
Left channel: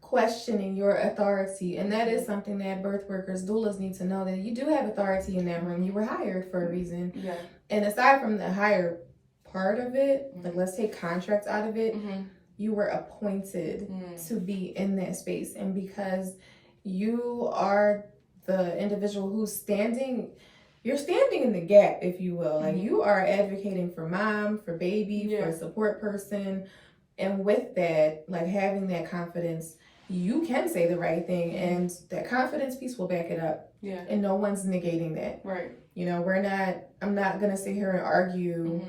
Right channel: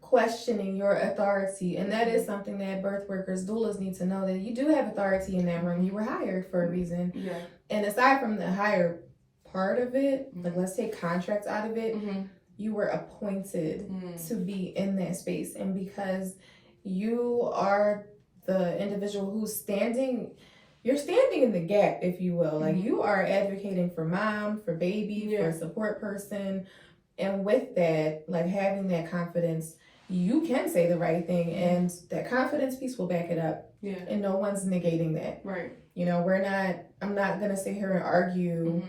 questioning your authority. And that is something that birth workers, doulas need to know, that you do have authority in that room. You were hired for a reason. Yeah. And aside from the hire part of it, like let's take contracts out of it, you were appointed to be in that space. And because you are the individual who's standing in the gap, if you will. Like, you are advocating for mom, for baby, for a support person. And with that, like having that confidence, you can say the right thing, and that confidence piece will back it up. Yeah. And no one's negating that. Right. You know, I'm not going to sit here and argue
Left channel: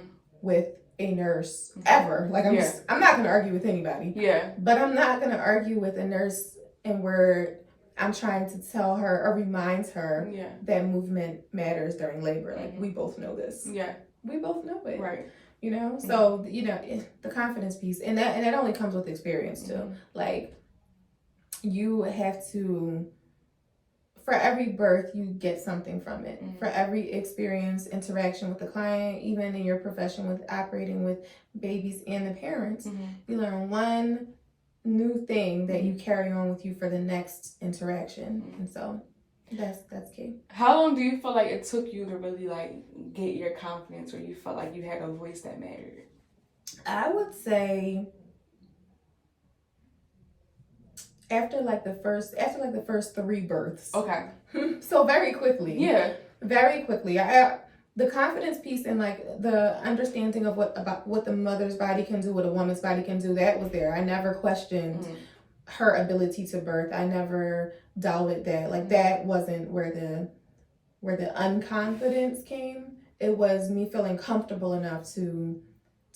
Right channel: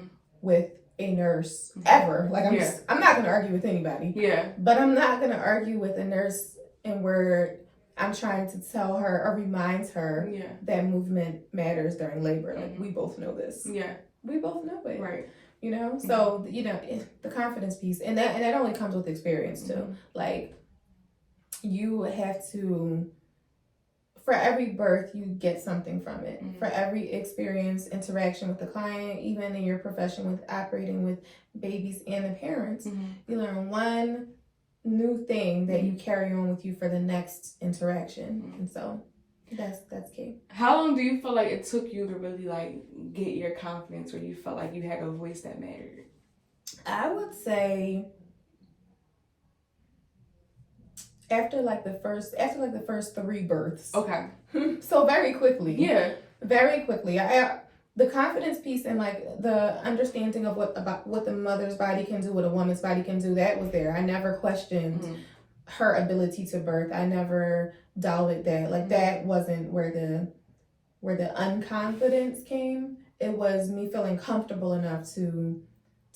with a nurse ever. Like, I'm not going to argue with anybody. Yeah. But I'm not going to argue with a nurse and where I'm trying to tell her or remind her that movement matters during labor. Like, we both know this. Yeah. We both know it. Right. You know? So, the confidence piece, and that only comes with experience too. Like, you have to, for every birth, you get something from it. For every experience, interaction with the client, even in your profession with operating with babies and the parents, you learn one new thing that you carry on with you for the next interaction. And so that's key. How long do you feel like it took you to really like get your confidence, where you felt like you had a voice that mattered? I would say after the first 3 births. Okay. So very quickly. Yeah. Very quickly. The confidence piece and like the understanding of what the mother's body can do, what a woman's body can do, that was there. I never questioned her ability to birth. I never doubted that. Like, that wasn't where the unconfidence came. It was me feeling comfortable enough to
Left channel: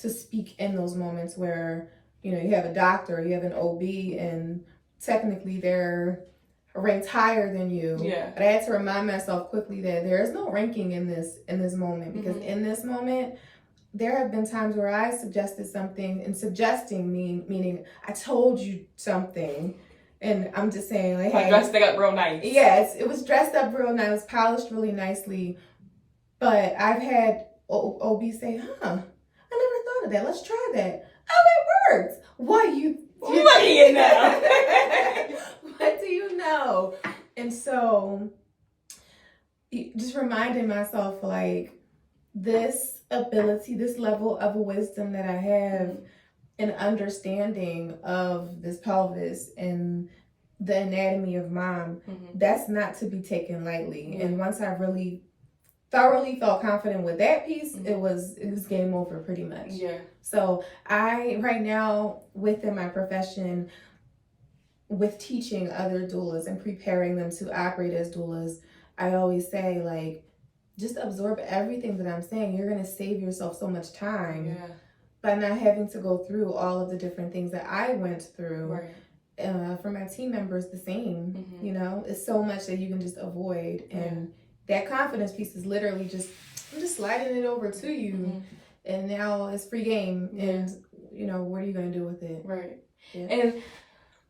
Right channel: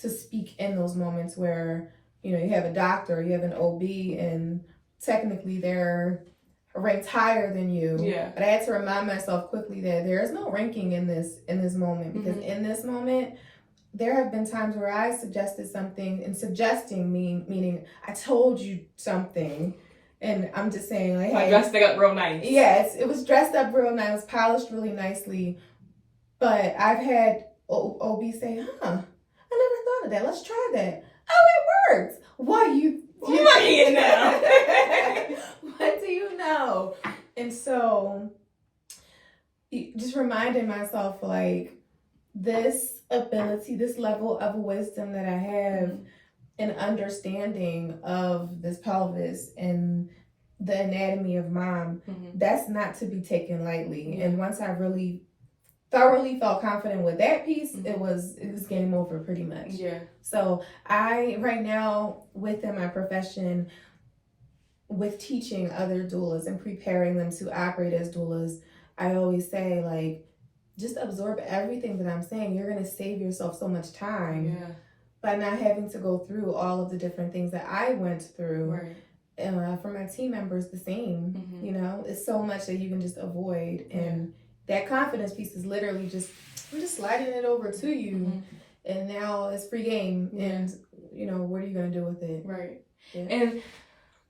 to speak in those moments where, you know, you have a doctor, you have an OB, and technically they're ranked higher than you. Yeah. But I had to remind myself quickly that there is no ranking in this moment, because in this moment, there have been times where I suggested something, and suggesting meaning I told you something, and I'm just saying, like, hey, I dressed it up real nice. Yes, it was dressed up real nice, polished really nicely. But I've had OB say, I never thought of that. Let's try that. Oh, it works. Why you what do you know? What do you know? And so just reminding myself, like, this ability, this level of wisdom that I have, and understanding of this pelvis and the anatomy of mom, that's not to be taken lightly. And once I really thoroughly felt confident with that piece, it was game over pretty much. Yeah. So I, right now, within my profession, with teaching other doulas and preparing them to operate as doulas, I always say, like, just absorb everything that I'm saying. You're going to save yourself so much time by not having to go through all of the different things that I went through. Right. For my team members, the same. You know, it's so much that you can just avoid. And that confidence piece is literally just, I'm just sliding it over to you. And now it's free game. And, you know, what are you going to do with it? Right. Yeah. And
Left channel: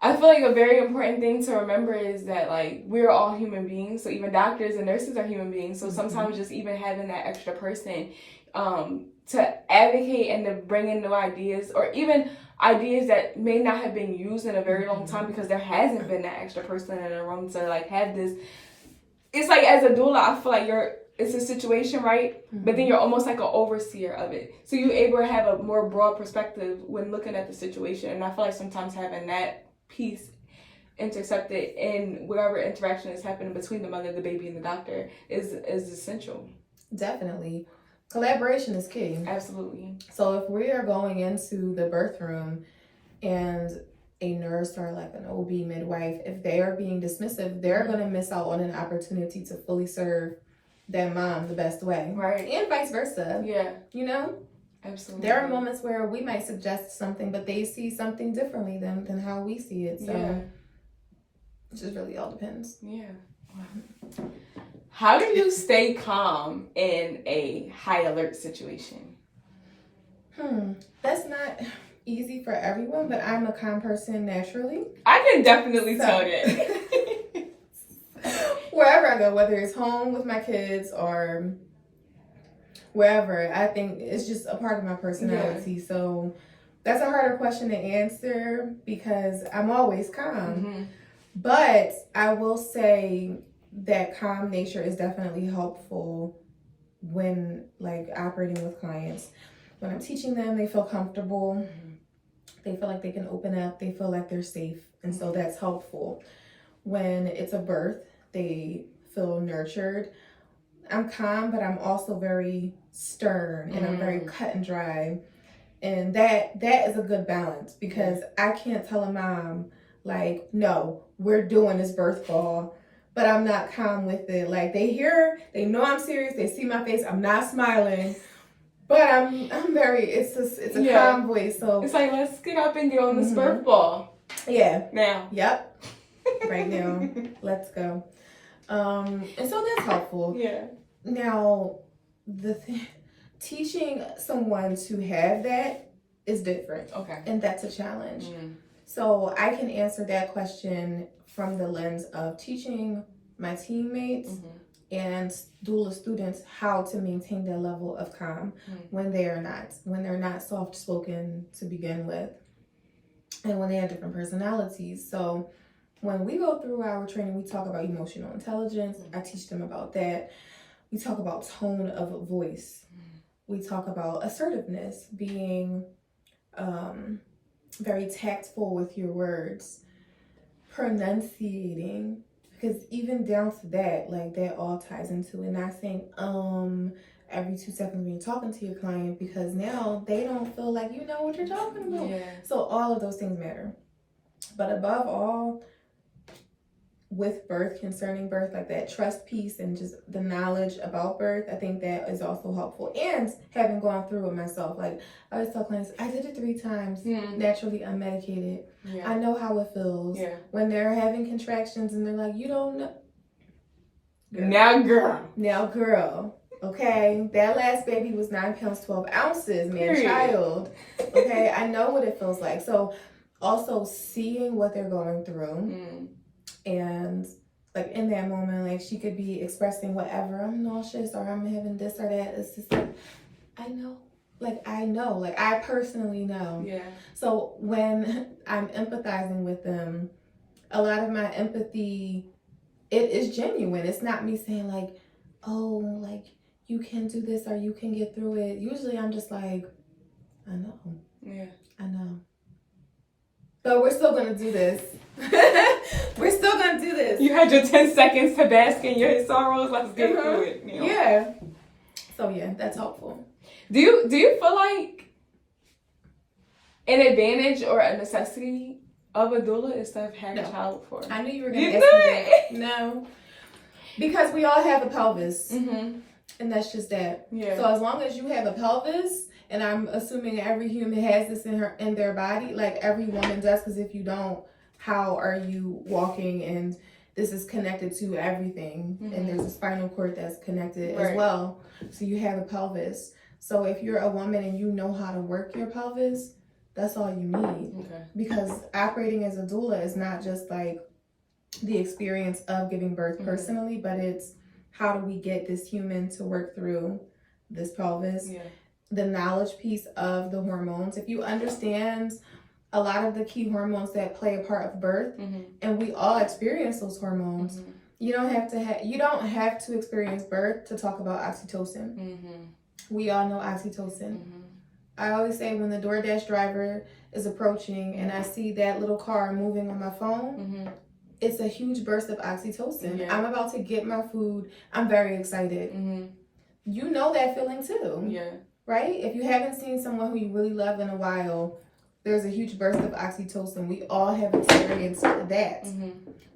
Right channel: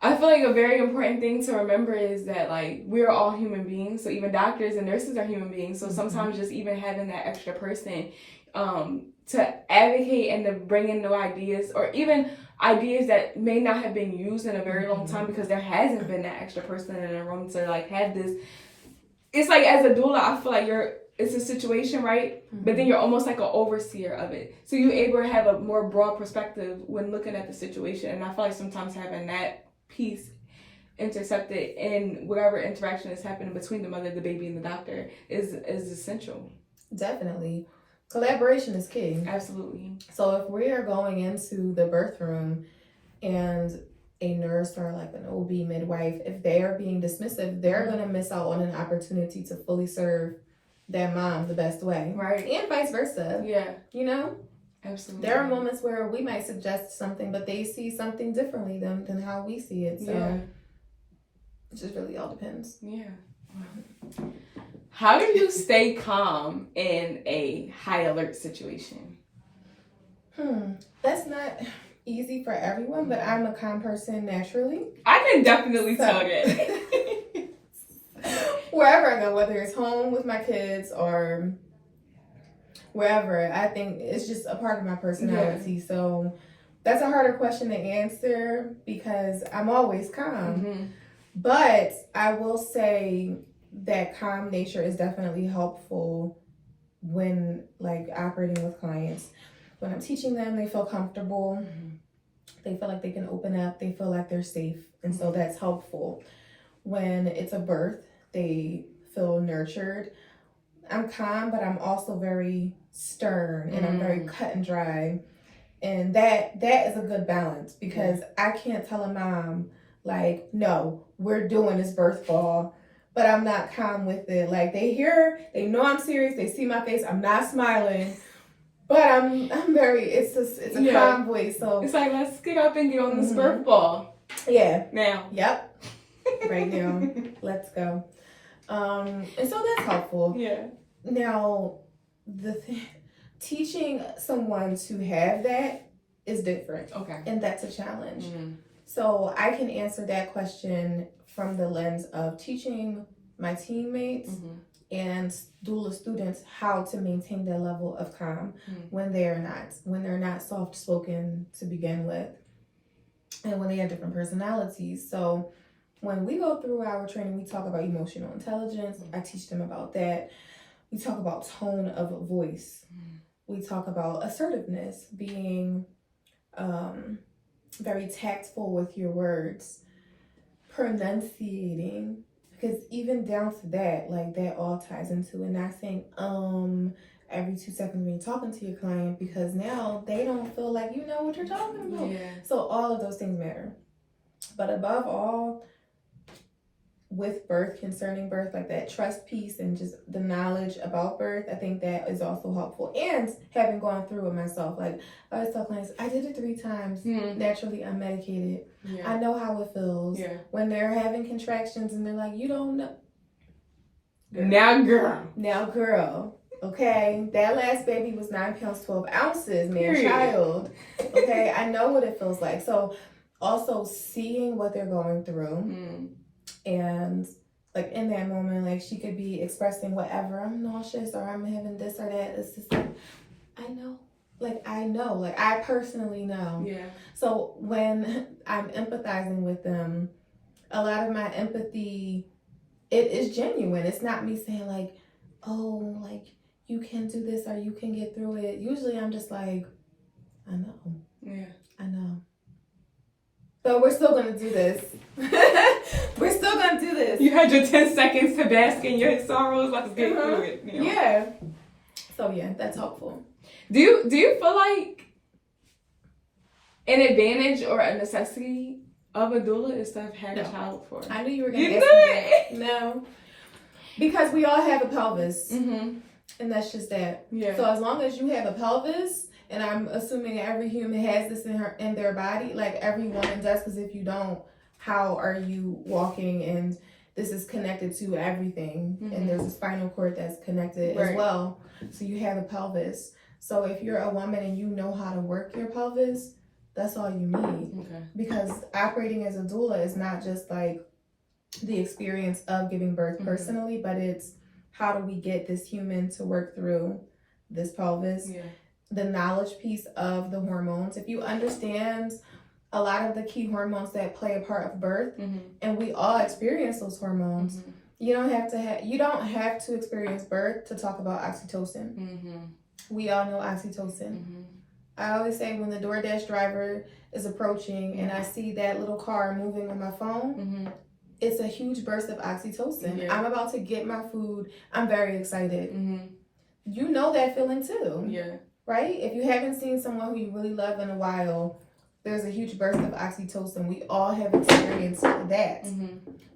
I feel like a very important thing to remember is that, like, we're all human beings. So even doctors and nurses are human beings. So sometimes just even having that extra person to advocate and to bring in new ideas, or even ideas that may not have been used in a very long time because there hasn't been that extra person in the room to, like, have this. It's like, as a doula, I feel like it's a situation, right? But then you're almost like an overseer of it. So you're able to have a more broad perspective when looking at the situation. And I feel like sometimes having that piece intercepted in whatever interaction is happening between the mother, the baby, and the doctor is essential. Definitely. Collaboration is key. Absolutely. So if we are going into the birth room and a nurse or like an OB midwife, if they are being dismissive, they're going to miss out on an opportunity to fully serve that mom the best way. Right. And vice versa. Yeah. You know? Absolutely. There are moments where we might suggest something, but they see something differently than how we see it. So it just really all depends. Yeah. Wow. How do you stay calm in a high alert situation? That's not easy for everyone, but I'm a calm person naturally. I can definitely tell that. Wherever I go, whether it's home with my kids or wherever, I think it's just a part of my personality. Yeah. So that's a harder question to answer because I'm always calm. But I will say that calm nature is definitely helpful when, like, operating with clients. When I'm teaching them, they feel comfortable. They feel like they can open up. They feel like they're safe. And so that's helpful. When it's a birth, they feel nurtured. I'm calm, but I'm also very stern and I'm very cut and dry. And that is a good balance because I can't tell a mom, like, no, we're doing this birth call, but I'm not calm with it. Like, they know I'm serious. They see my face. I'm not smiling. But I'm very, it's a calm voice. So it's like, let's get up and get on this birth ball. Yeah. Now. Yep. Right now. Let's go. And so that's helpful. Yeah. Now, teaching someone to have that is different. Okay. And that's a challenge. So I can answer that question from the lens of teaching my teammates and doula students how to maintain their level of calm when they're not soft-spoken to begin with, and when they have different personalities. So when we go through our training, we talk about emotional intelligence. I teach them about that. We talk about tone of voice. We talk about assertiveness, being very tactful with your words, pronunciating, because even down to that, like, that all ties into it. Not saying every 2 seconds when you're talking to your client, because now they don't feel like you know what you're talking about. So all of those things matter. But above all, with birth, concerning birth, like that trust piece and just the knowledge about birth, I think that is also helpful. And having gone through it myself, like I always tell clients, I did it 3 times, naturally unmedicated. Yeah. I know how it feels when they're having contractions and they're like, you don't know. Now, girl. Okay, that last baby was 9 pounds 12 ounces, child. Okay, I know what it feels like. So also seeing what they're going through, and like in that moment, like she could be expressing whatever, I'm nauseous or I'm having this or that. It's just like, I know, like I personally know. Yeah. So when I'm empathizing with them, a lot of my empathy, it is genuine. It's not me saying like, oh, like you can do this or you can get through it. Usually I'm just like, I know. Yeah. I know. So we're still going to do this. We're still going to do this. You had your 10 seconds to bask in your sorrows. Let's get through it. You know? Yeah. So yeah, that's helpful. Do you feel like an advantage or a necessity of a doula is to have had a child before? I knew you were going to ask me that. No. Because we all have a pelvis. And that's just that. Yeah. So as long as you have a pelvis, and I'm assuming every human has this in their body, like every woman does, because if you don't, how are you walking? And this is connected to everything. And there's a spinal cord that's connected as well. So you have a pelvis. So if you're a woman and you know how to work your pelvis, that's all you need. Okay. Because operating as a doula is not just like the experience of giving birth personally, but it's how do we get this human to work through this pelvis? Yeah. The knowledge piece of the hormones. If you understand a lot of the key hormones that play a part of birth, and we all experience those hormones, you don't have to experience birth to talk about oxytocin. We all know oxytocin. I always say when the DoorDash driver is approaching and I see that little car moving on my phone, it's a huge burst of oxytocin. Yeah. I'm about to get my food. I'm very excited. You know that feeling too. Yeah. Right? If you haven't seen someone who you really love in a while, there's a huge burst of oxytocin. We all have experienced that.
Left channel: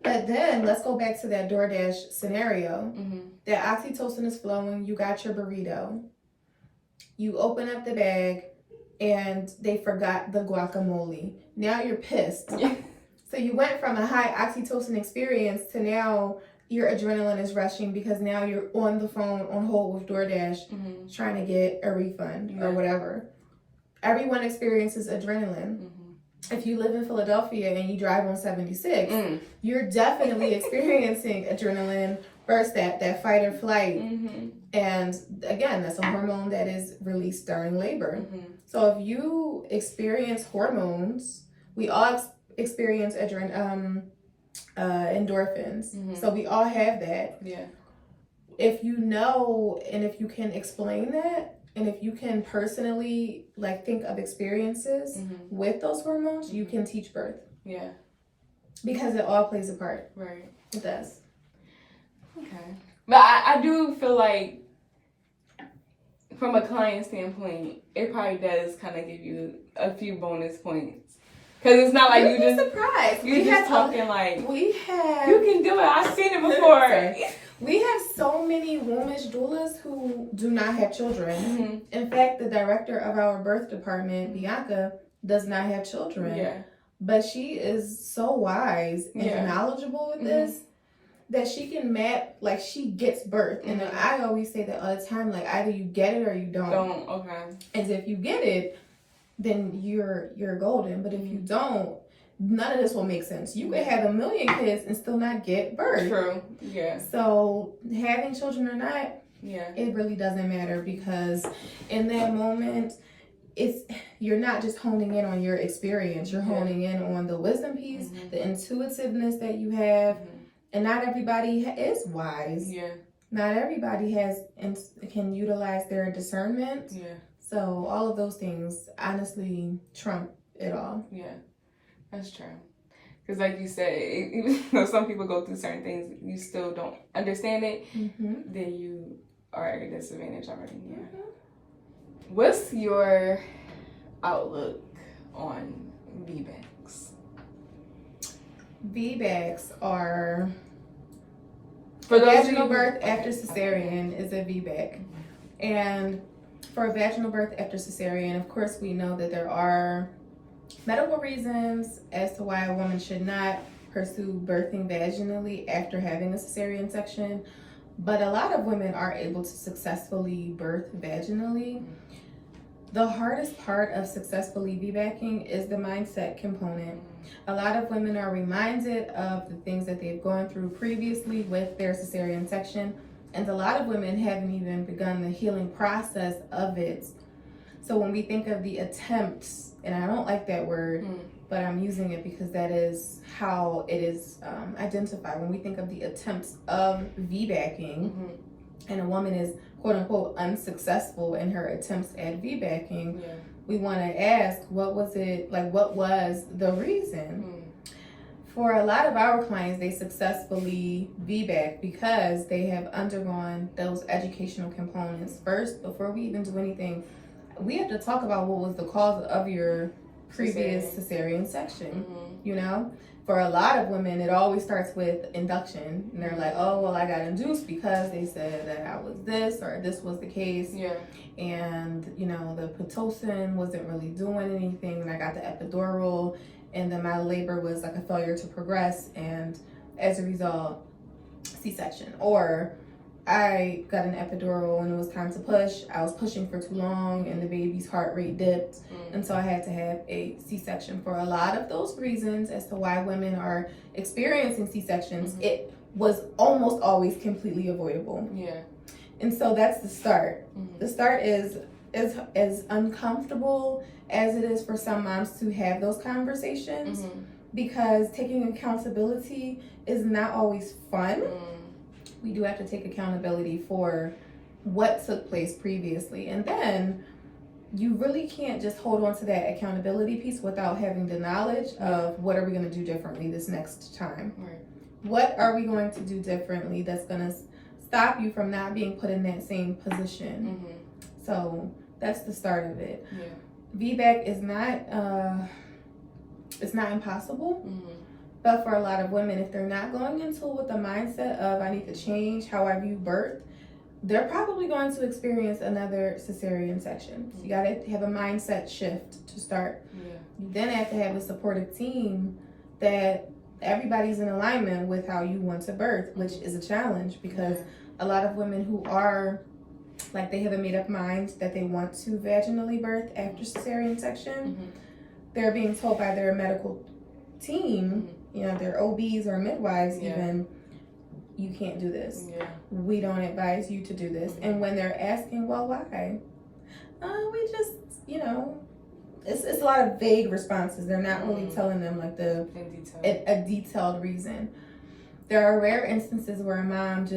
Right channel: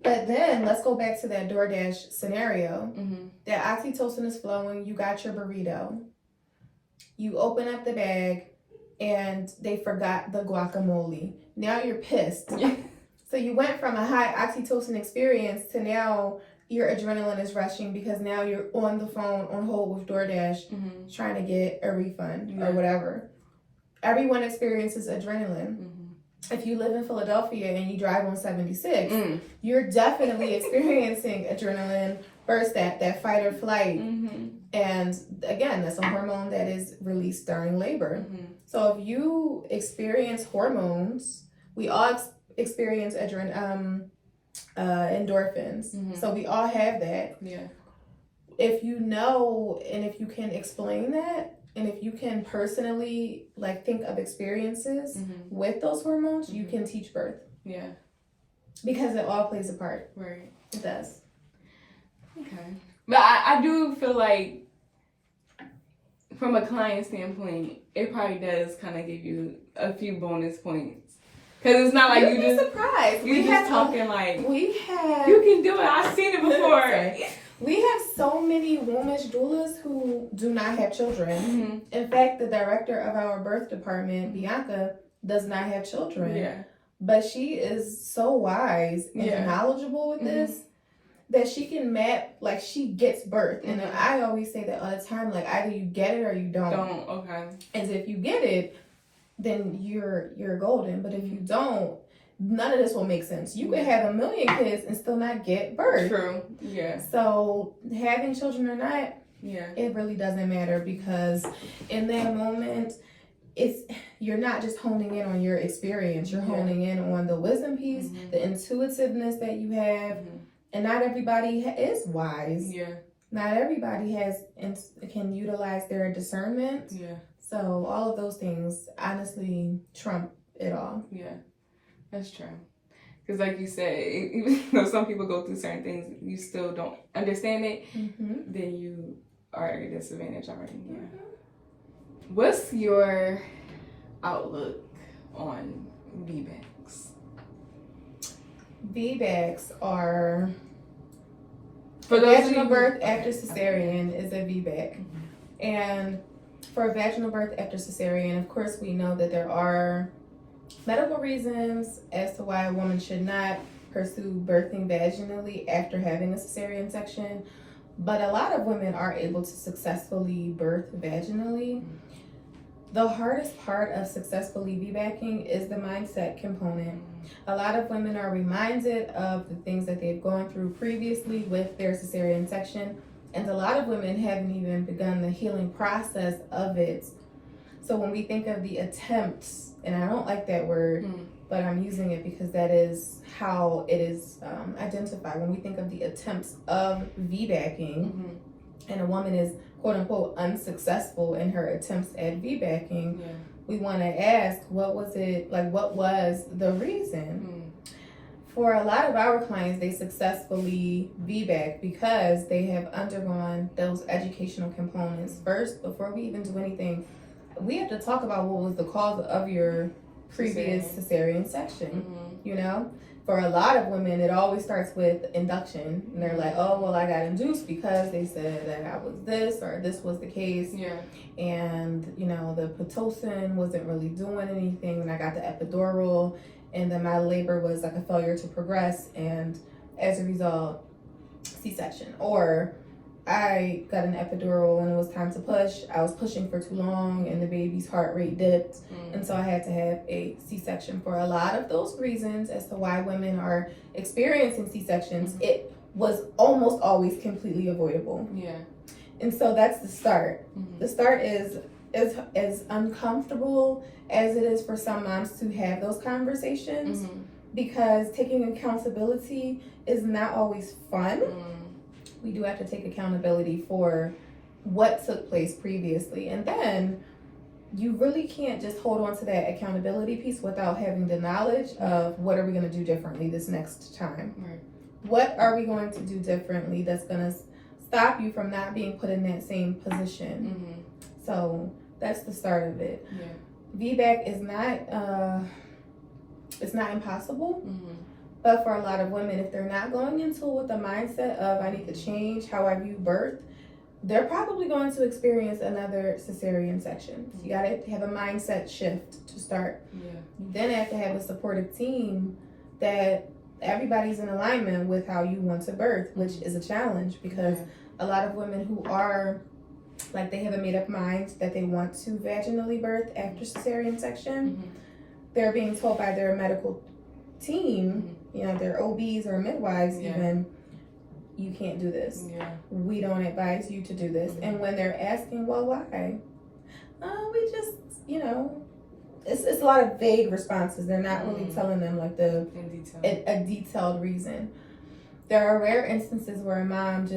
But then let's go back to that DoorDash scenario. That oxytocin is flowing. You got your burrito. You open up the bag and they forgot the guacamole. Now you're pissed. Yeah. So you went from a high oxytocin experience to now your adrenaline is rushing because now you're on the phone on hold with DoorDash trying to get a refund or whatever. Everyone experiences adrenaline. If you live in Philadelphia and you drive on 76, you're definitely experiencing adrenaline burst, that fight or flight. And again, that's a hormone that is released during labor. So if you experience hormones, we all experience endorphins. So we all have that. Yeah. If you know and if you can explain that, and if you can personally like think of experiences with those hormones, you can teach birth. Yeah. Because it all plays a part. Right. It does. Okay. But I do feel like from a client standpoint, it probably does kind of give you a few bonus points. Because it's not like you just surprised. You just talking like we have. You can do it. I've seen it before. We have so many womanish doulas who do not have children. In fact, the director of our birth department, Bianca, does not have children. Yeah. But she is so wise and knowledgeable with this that she can map, like she gets birth. And I always say that all the time, like either you get it or you don't. Okay. And if you get it, then you're golden. But if you don't, none of this will make sense. You could have 1 million kids and still not get birth. True. Yeah. So having children or not, it really doesn't matter, because in that moment, you're not just honing in on your experience. You're honing in on the wisdom piece, the intuitiveness that you have, and not everybody is wise. Yeah. Not everybody can utilize their discernment. Yeah. So all of those things honestly trump it all. Yeah. That's true. Because like you said, even though some people go through certain things, you still don't understand it, then you are at a disadvantage already. Yeah. What's your outlook on VBACs? VBACs are For those vaginal birth after cesarean is a VBAC. And for a vaginal birth after cesarean, of course, we know that there are medical reasons as to why a woman should not pursue birthing vaginally after having a cesarean section. But a lot of women are able to successfully birth vaginally. The hardest part of successfully VBACing is the mindset component. A lot of women are reminded of the things that they've gone through previously with their cesarean section, and a lot of women haven't even begun the healing process of it. So when we think of the attempts, and I don't like that word, but I'm using it because that is how it is identified. When we think of the attempts of VBACing, and a woman is quote unquote unsuccessful in her attempts at VBACing, we want to ask, what was it like? What was the reason? For a lot of our clients, they successfully VBAC because they have undergone those educational components first. Before we even do anything, we have to talk about what was the cause of your previous cesarean section. You know, for a lot of women, it always starts with induction, and they're like, "Oh, well, I got induced because they said that I was this or this was the case." And you know, the pitocin wasn't really doing anything, and I got the epidural, and then my labor was like a failure to progress, and as a result, C-section. Or I got an epidural when it was time to push. I was pushing for too long and the baby's heart rate dipped. And so I had to have a C-section. For a lot of those reasons as to why women are experiencing C-sections, it was almost always completely avoidable. And so that's the start. The start is as uncomfortable as it is for some moms to have those conversations, because taking accountability is not always fun. We do have to take accountability for what took place previously. And then you really can't just hold on to that accountability piece without having the knowledge of what are we going to do differently this next time. What are we going to do differently that's going to stop you from not being put in that same position? So that's the start of it. VBAC is not, it's not impossible. But for a lot of women, if they're not going into it with the mindset of I need to change how I view birth, they're probably going to experience another cesarean section. So you gotta have a mindset shift to start. You then have to have a supportive team that everybody's in alignment with how you want to birth, which is a challenge because a lot of women who are like they have a made up mind that they want to vaginally birth after cesarean section, they're being told by their medical team, you know, their OBs or midwives even, you can't do this. We don't advise you to do this. And when they're asking, well, why? We just, you know, it's a lot of vague responses. They're not really telling them like a detailed reason. There are rare instances where a mom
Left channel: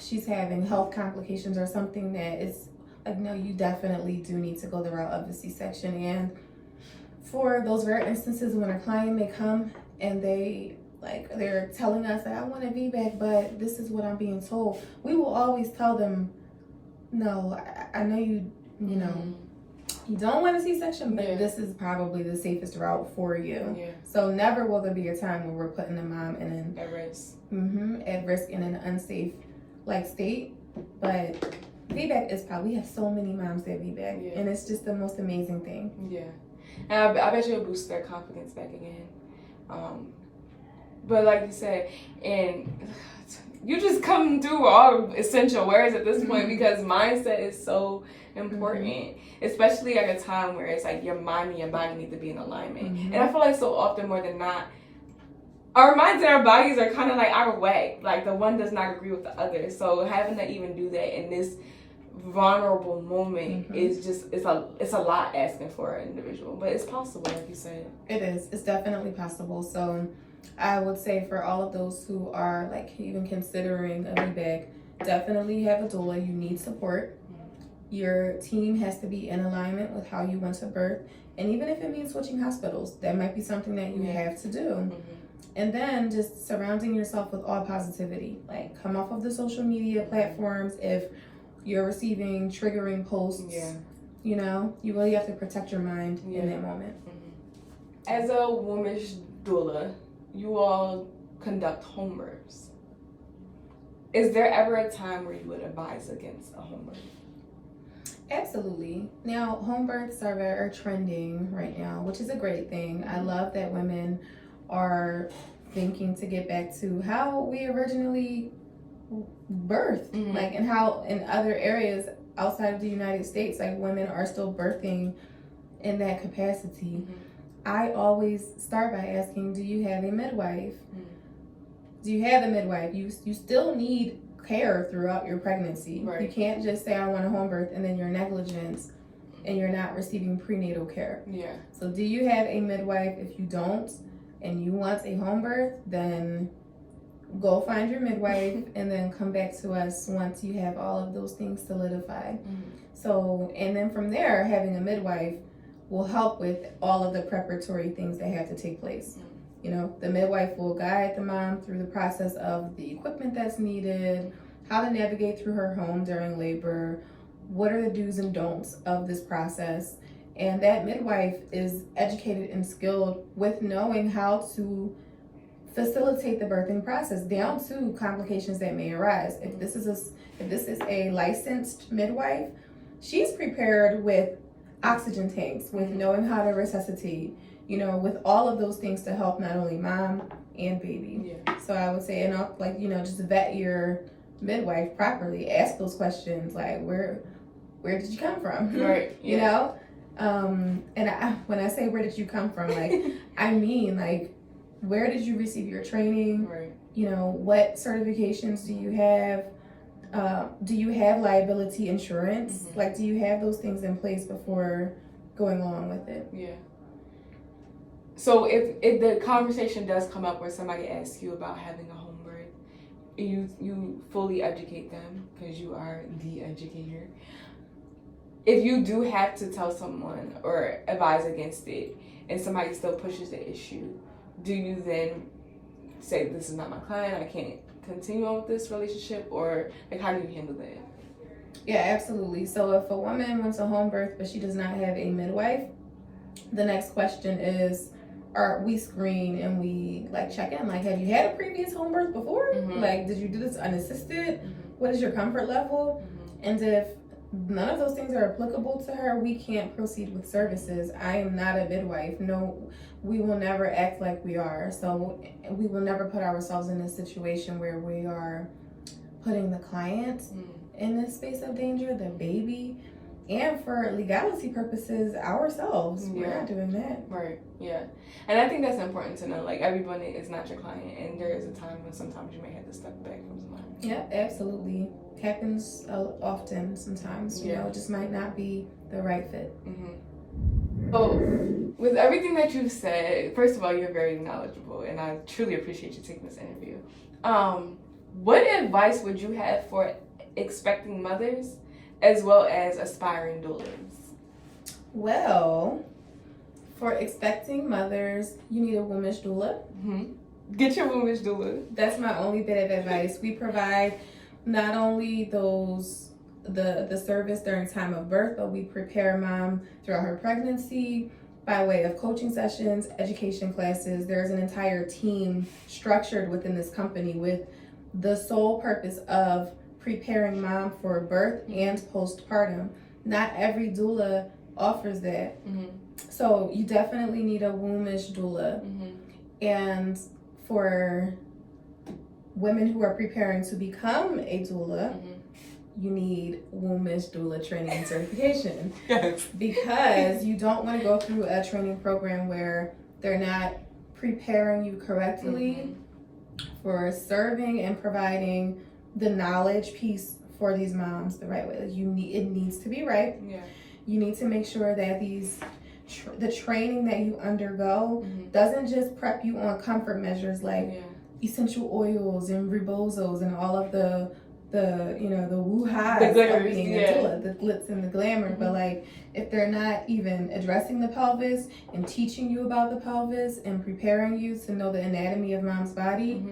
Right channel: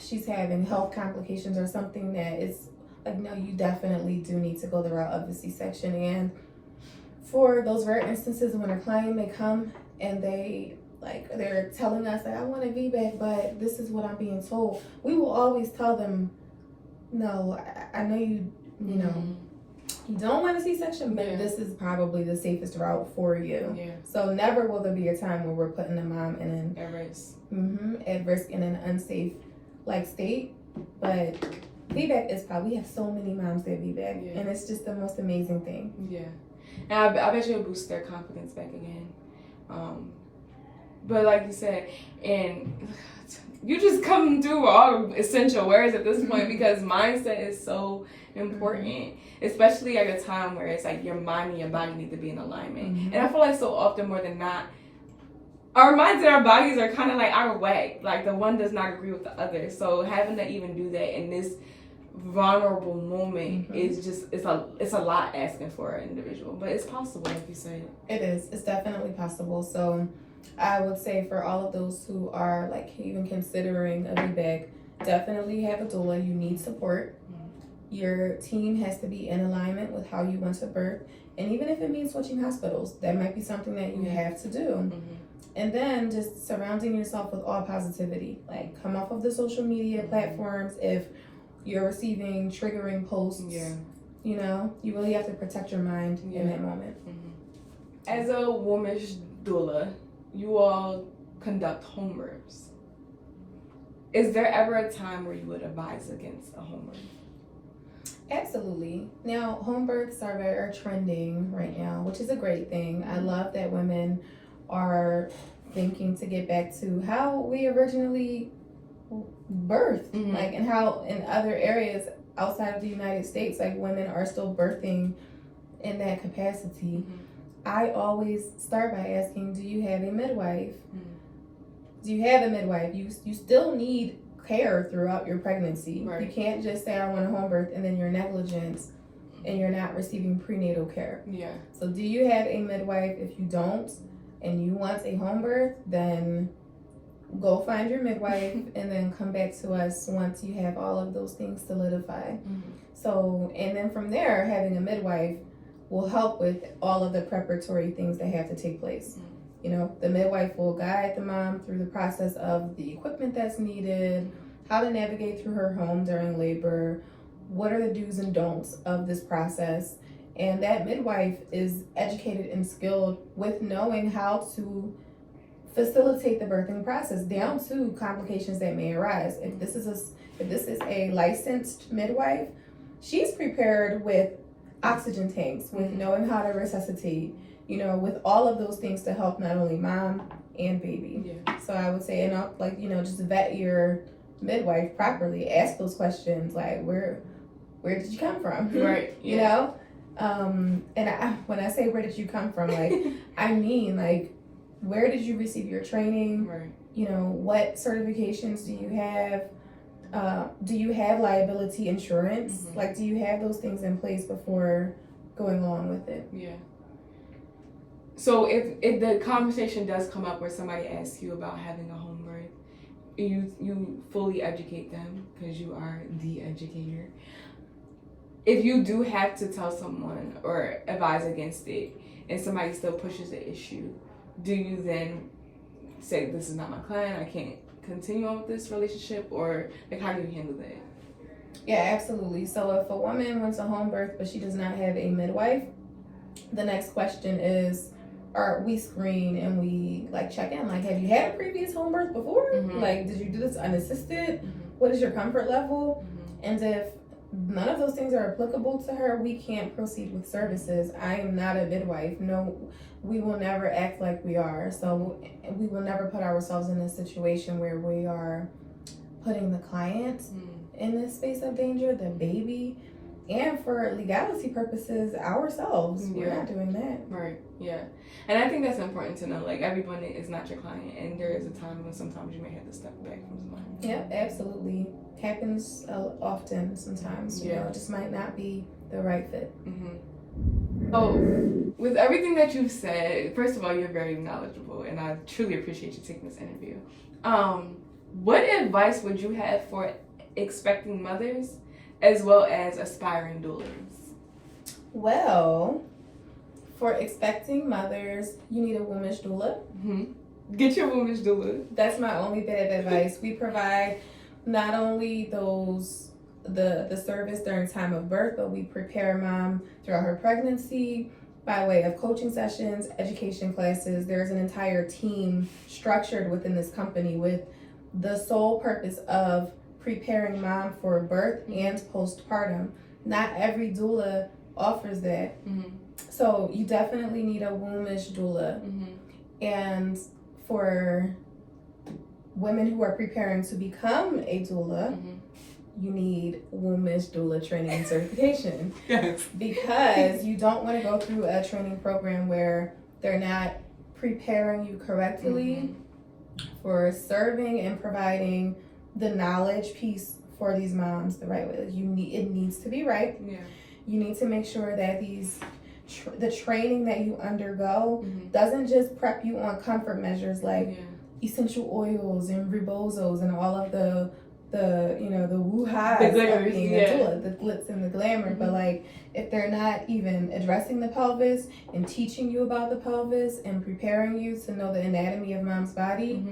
she's having health complications or something that is like, no, you definitely do need to go the route of the C-section. And for those rare instances when a client may come and they're telling us that I want a VBAC, but this is what I'm being told, we will always tell them, no, I know you know, you don't want a C-section, but this is probably the safest route for you. So never will there be a time where we're putting the mom in at risk. At risk in an unsafe state. But VBAC is we have so many moms that VBAC, and it's just the most amazing thing. And I bet you it'll boost their confidence back again. But like you said, and you just come through all the essential words at this point because mindset is so important, especially at a time where it's like your mind and your body need to be in alignment. And I feel like so often more than not, our minds and our bodies are kind of like out of whack. Like the one does not agree with the other. So having to even do that in this vulnerable moment is just it's a lot asking for an individual, but it's possible, like you said. It is. It's definitely possible. So I would say for all of those who are like even considering a VBAC, definitely have a doula. You need support. Your team has to be in alignment with how you want to birth, and even if it means switching hospitals, that might be something that you have to do. And then just surrounding yourself with all positivity. Like come off of the social media platforms if you're receiving triggering posts. You know, you really have to protect your mind in that moment. As a woman's doula, you all conduct home births. Is there ever a time where you would advise against a home birth? Absolutely. Now, home births are trending right now, which is a great thing. I love that women are thinking to get back to how we originally birthed, like, and how in other areas outside of the United States, like, women are still birthing in that capacity. I always start by asking, do you have a midwife? Do you have a midwife? You still need care throughout your pregnancy. Right. You can't just say I want a home birth and then you're negligent and you're not receiving prenatal care. Yeah. So do you have a midwife? If you don't and you want a home birth, then go find your midwife and then come back to us once you have all of those things solidified. So, and then from there, having a midwife will help with all of the preparatory things that have to take place. You know, the midwife will guide the mom through the process of the equipment that's needed, how to navigate through her home during labor, what are the do's and don'ts of this process. And that midwife is educated and skilled with knowing how to facilitate the birthing process down to complications that may arise. If this is a licensed midwife, she's prepared with oxygen tanks, with knowing how to resuscitate, you know, with all of those things to help not only mom and baby. Yeah. So I would say, and like, you know, just vet your midwife properly. Ask those questions like, where did you come from? Right. Yeah. You know? When I say where did you come from, like, I mean, like, where did you receive your training? Right. You know, what certifications do you have? Do you have liability insurance? Like, do you have those things in place before going along with it? Yeah. So if the conversation does come up where somebody asks you about having a home birth, you fully educate them because you are the educator. If you do have to tell someone or advise against it and somebody still pushes the issue, do you then say, this is not my client, I can't continue on with this relationship, or like how do you handle that? Yeah, absolutely. So if a woman wants a home birth but she does not have a midwife, the next question is, we screen and we like check in, like, have you had a previous home birth before? Like, did you do this unassisted? What is your comfort level? And if none of those things are applicable to her, we can't proceed with services. I am not a midwife. No, we will never act like we are. So we will never put ourselves in a situation where we are putting the client in this space of danger, the baby, and for legality purposes, ourselves. We're not doing that. Right. Yeah. And I think that's important to know. Like, everyone is not your client, and there is a time when sometimes you may have to step back from somebody. Yeah, absolutely. Happens often sometimes. You know, it just might not be the right fit. So, with everything that you've said, first of all, you're very knowledgeable, and I truly appreciate you taking this interview. What advice would you have for expecting mothers as well as aspiring doulas? Well, for expecting mothers, you need a women's doula. Get your women's doula. That's my only bit of advice. We provide not only the service during time of birth, but we prepare mom throughout her pregnancy by way of coaching sessions, education classes. There's an entire team structured within this company with the sole purpose of preparing mom for birth and postpartum. Not every doula offers that. So you definitely need a wombish doula. And for women who are preparing to become a doula, you need wombish doula training and certification. Because you don't want to go through a training program where they're not preparing you correctly for serving and providing the knowledge piece for these moms the right way. It needs to be right. You need to make sure that the training that you undergo doesn't just prep you on comfort measures like essential oils and rebozos and all of the woo-has of being a doula, the glitz and the glamour. But like, if they're not even addressing the pelvis and teaching you about the pelvis and preparing you to know the anatomy of mom's body,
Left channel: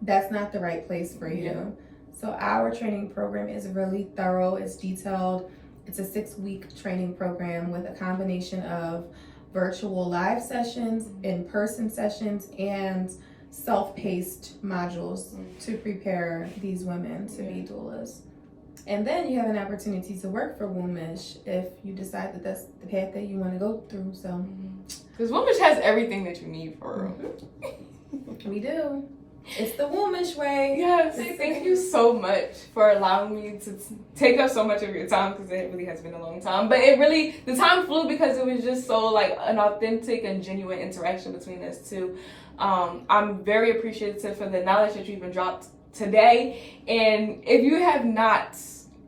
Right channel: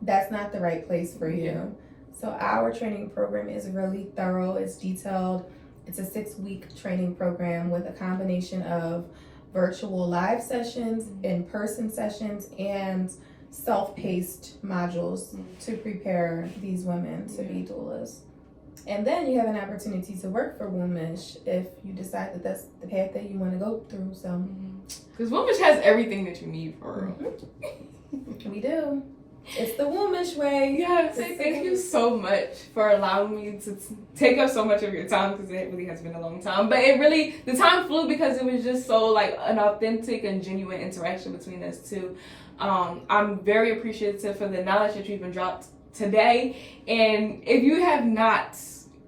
that's not the right place for you. So our training program is really thorough. It's detailed. It's a 6-week training program with a combination of virtual live sessions, in-person sessions, and self-paced modules to prepare these women to be doulas. And then you have an opportunity to work for Wombish if you decide that that's the path that you want to go through. So, because Wombish has everything that you need for real. We do. It's the Wombish way. Yes, thank you so much for allowing me to take up so much of your time, because it really has been a long time. But the time flew because it was just so like an authentic and genuine interaction between us two. I'm very appreciative for the knowledge that you even dropped today. And if you have not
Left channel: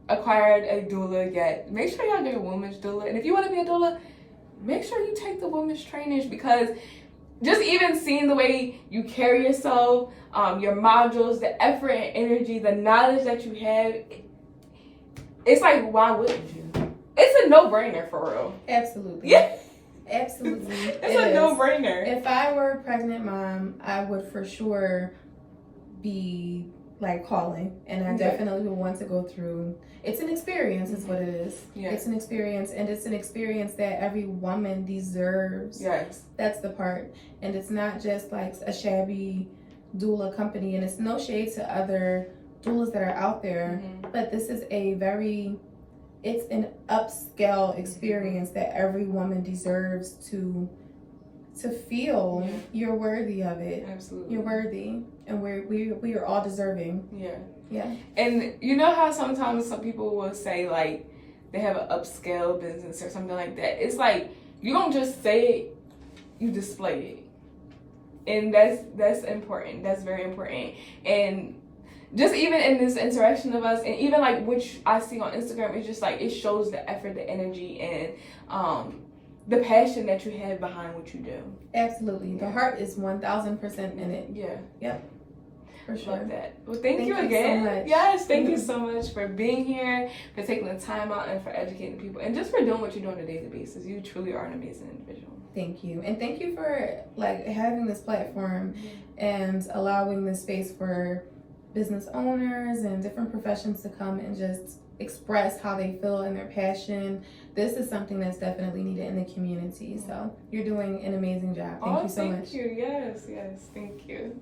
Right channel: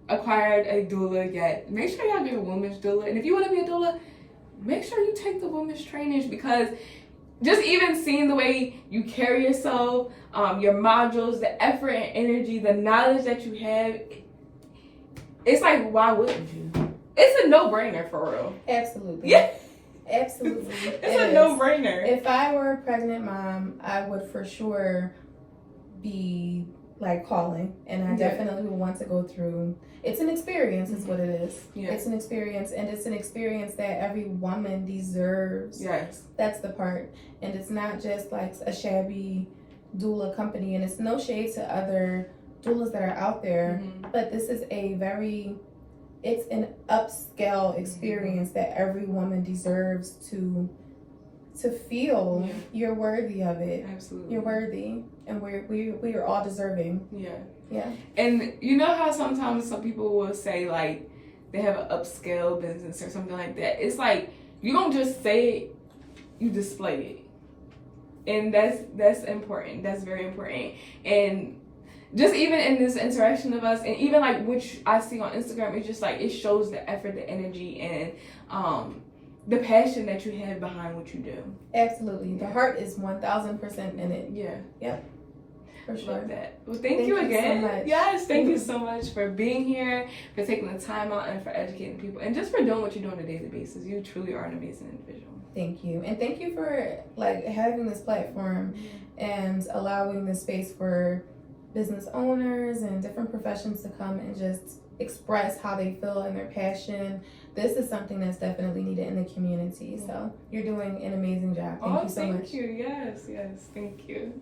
acquired a doula yet, make sure y'all get a Wombish doula. And if you want to be a doula, make sure you take the Wombish trainings, because just even seeing the way you carry yourself, your modules, the effort and energy, the knowledge that you have, it's like, why wouldn't you? It's a no-brainer for real. Absolutely. Yeah. Absolutely. It's a no-brainer. If I were a pregnant mom, I would for sure be like calling, and I definitely would want to go through. It's an experience, is what it is. Yeah. It's an experience, and it's an experience that every woman deserves. Yes. That's the part. And it's not just like a shabby doula company, and it's no shade to other doulas that are out there, but this is it's an upscale experience that every woman deserves to feel. You're worthy of it. Absolutely. You're worthy, and we are all deserving. Yeah. And you know how sometimes some people will say like they have an upscale business or something like that. It's like you don't just say it, you display it. And that's important. That's very important. And just even in this interaction of us, and even like which I see on Instagram, it's just like it shows the effort, the energy, and the passion that you have behind what you do. Absolutely. The heart is 1000% in it. Yeah. Yep. For sure. Love that. Well, thank you again. So much. Yes, thank you so much for being here, for taking the time out, and for educating people, and just for doing what you do on a daily basis. You truly are an amazing individual. Thank you. And thank you for like having this platform and allowing the space for business owners and different professions to come and just express how they feel and their passion. This is something that's definitely needed in the community. So you're doing an amazing job. Thank you so much. Thank you. Yes, thank you.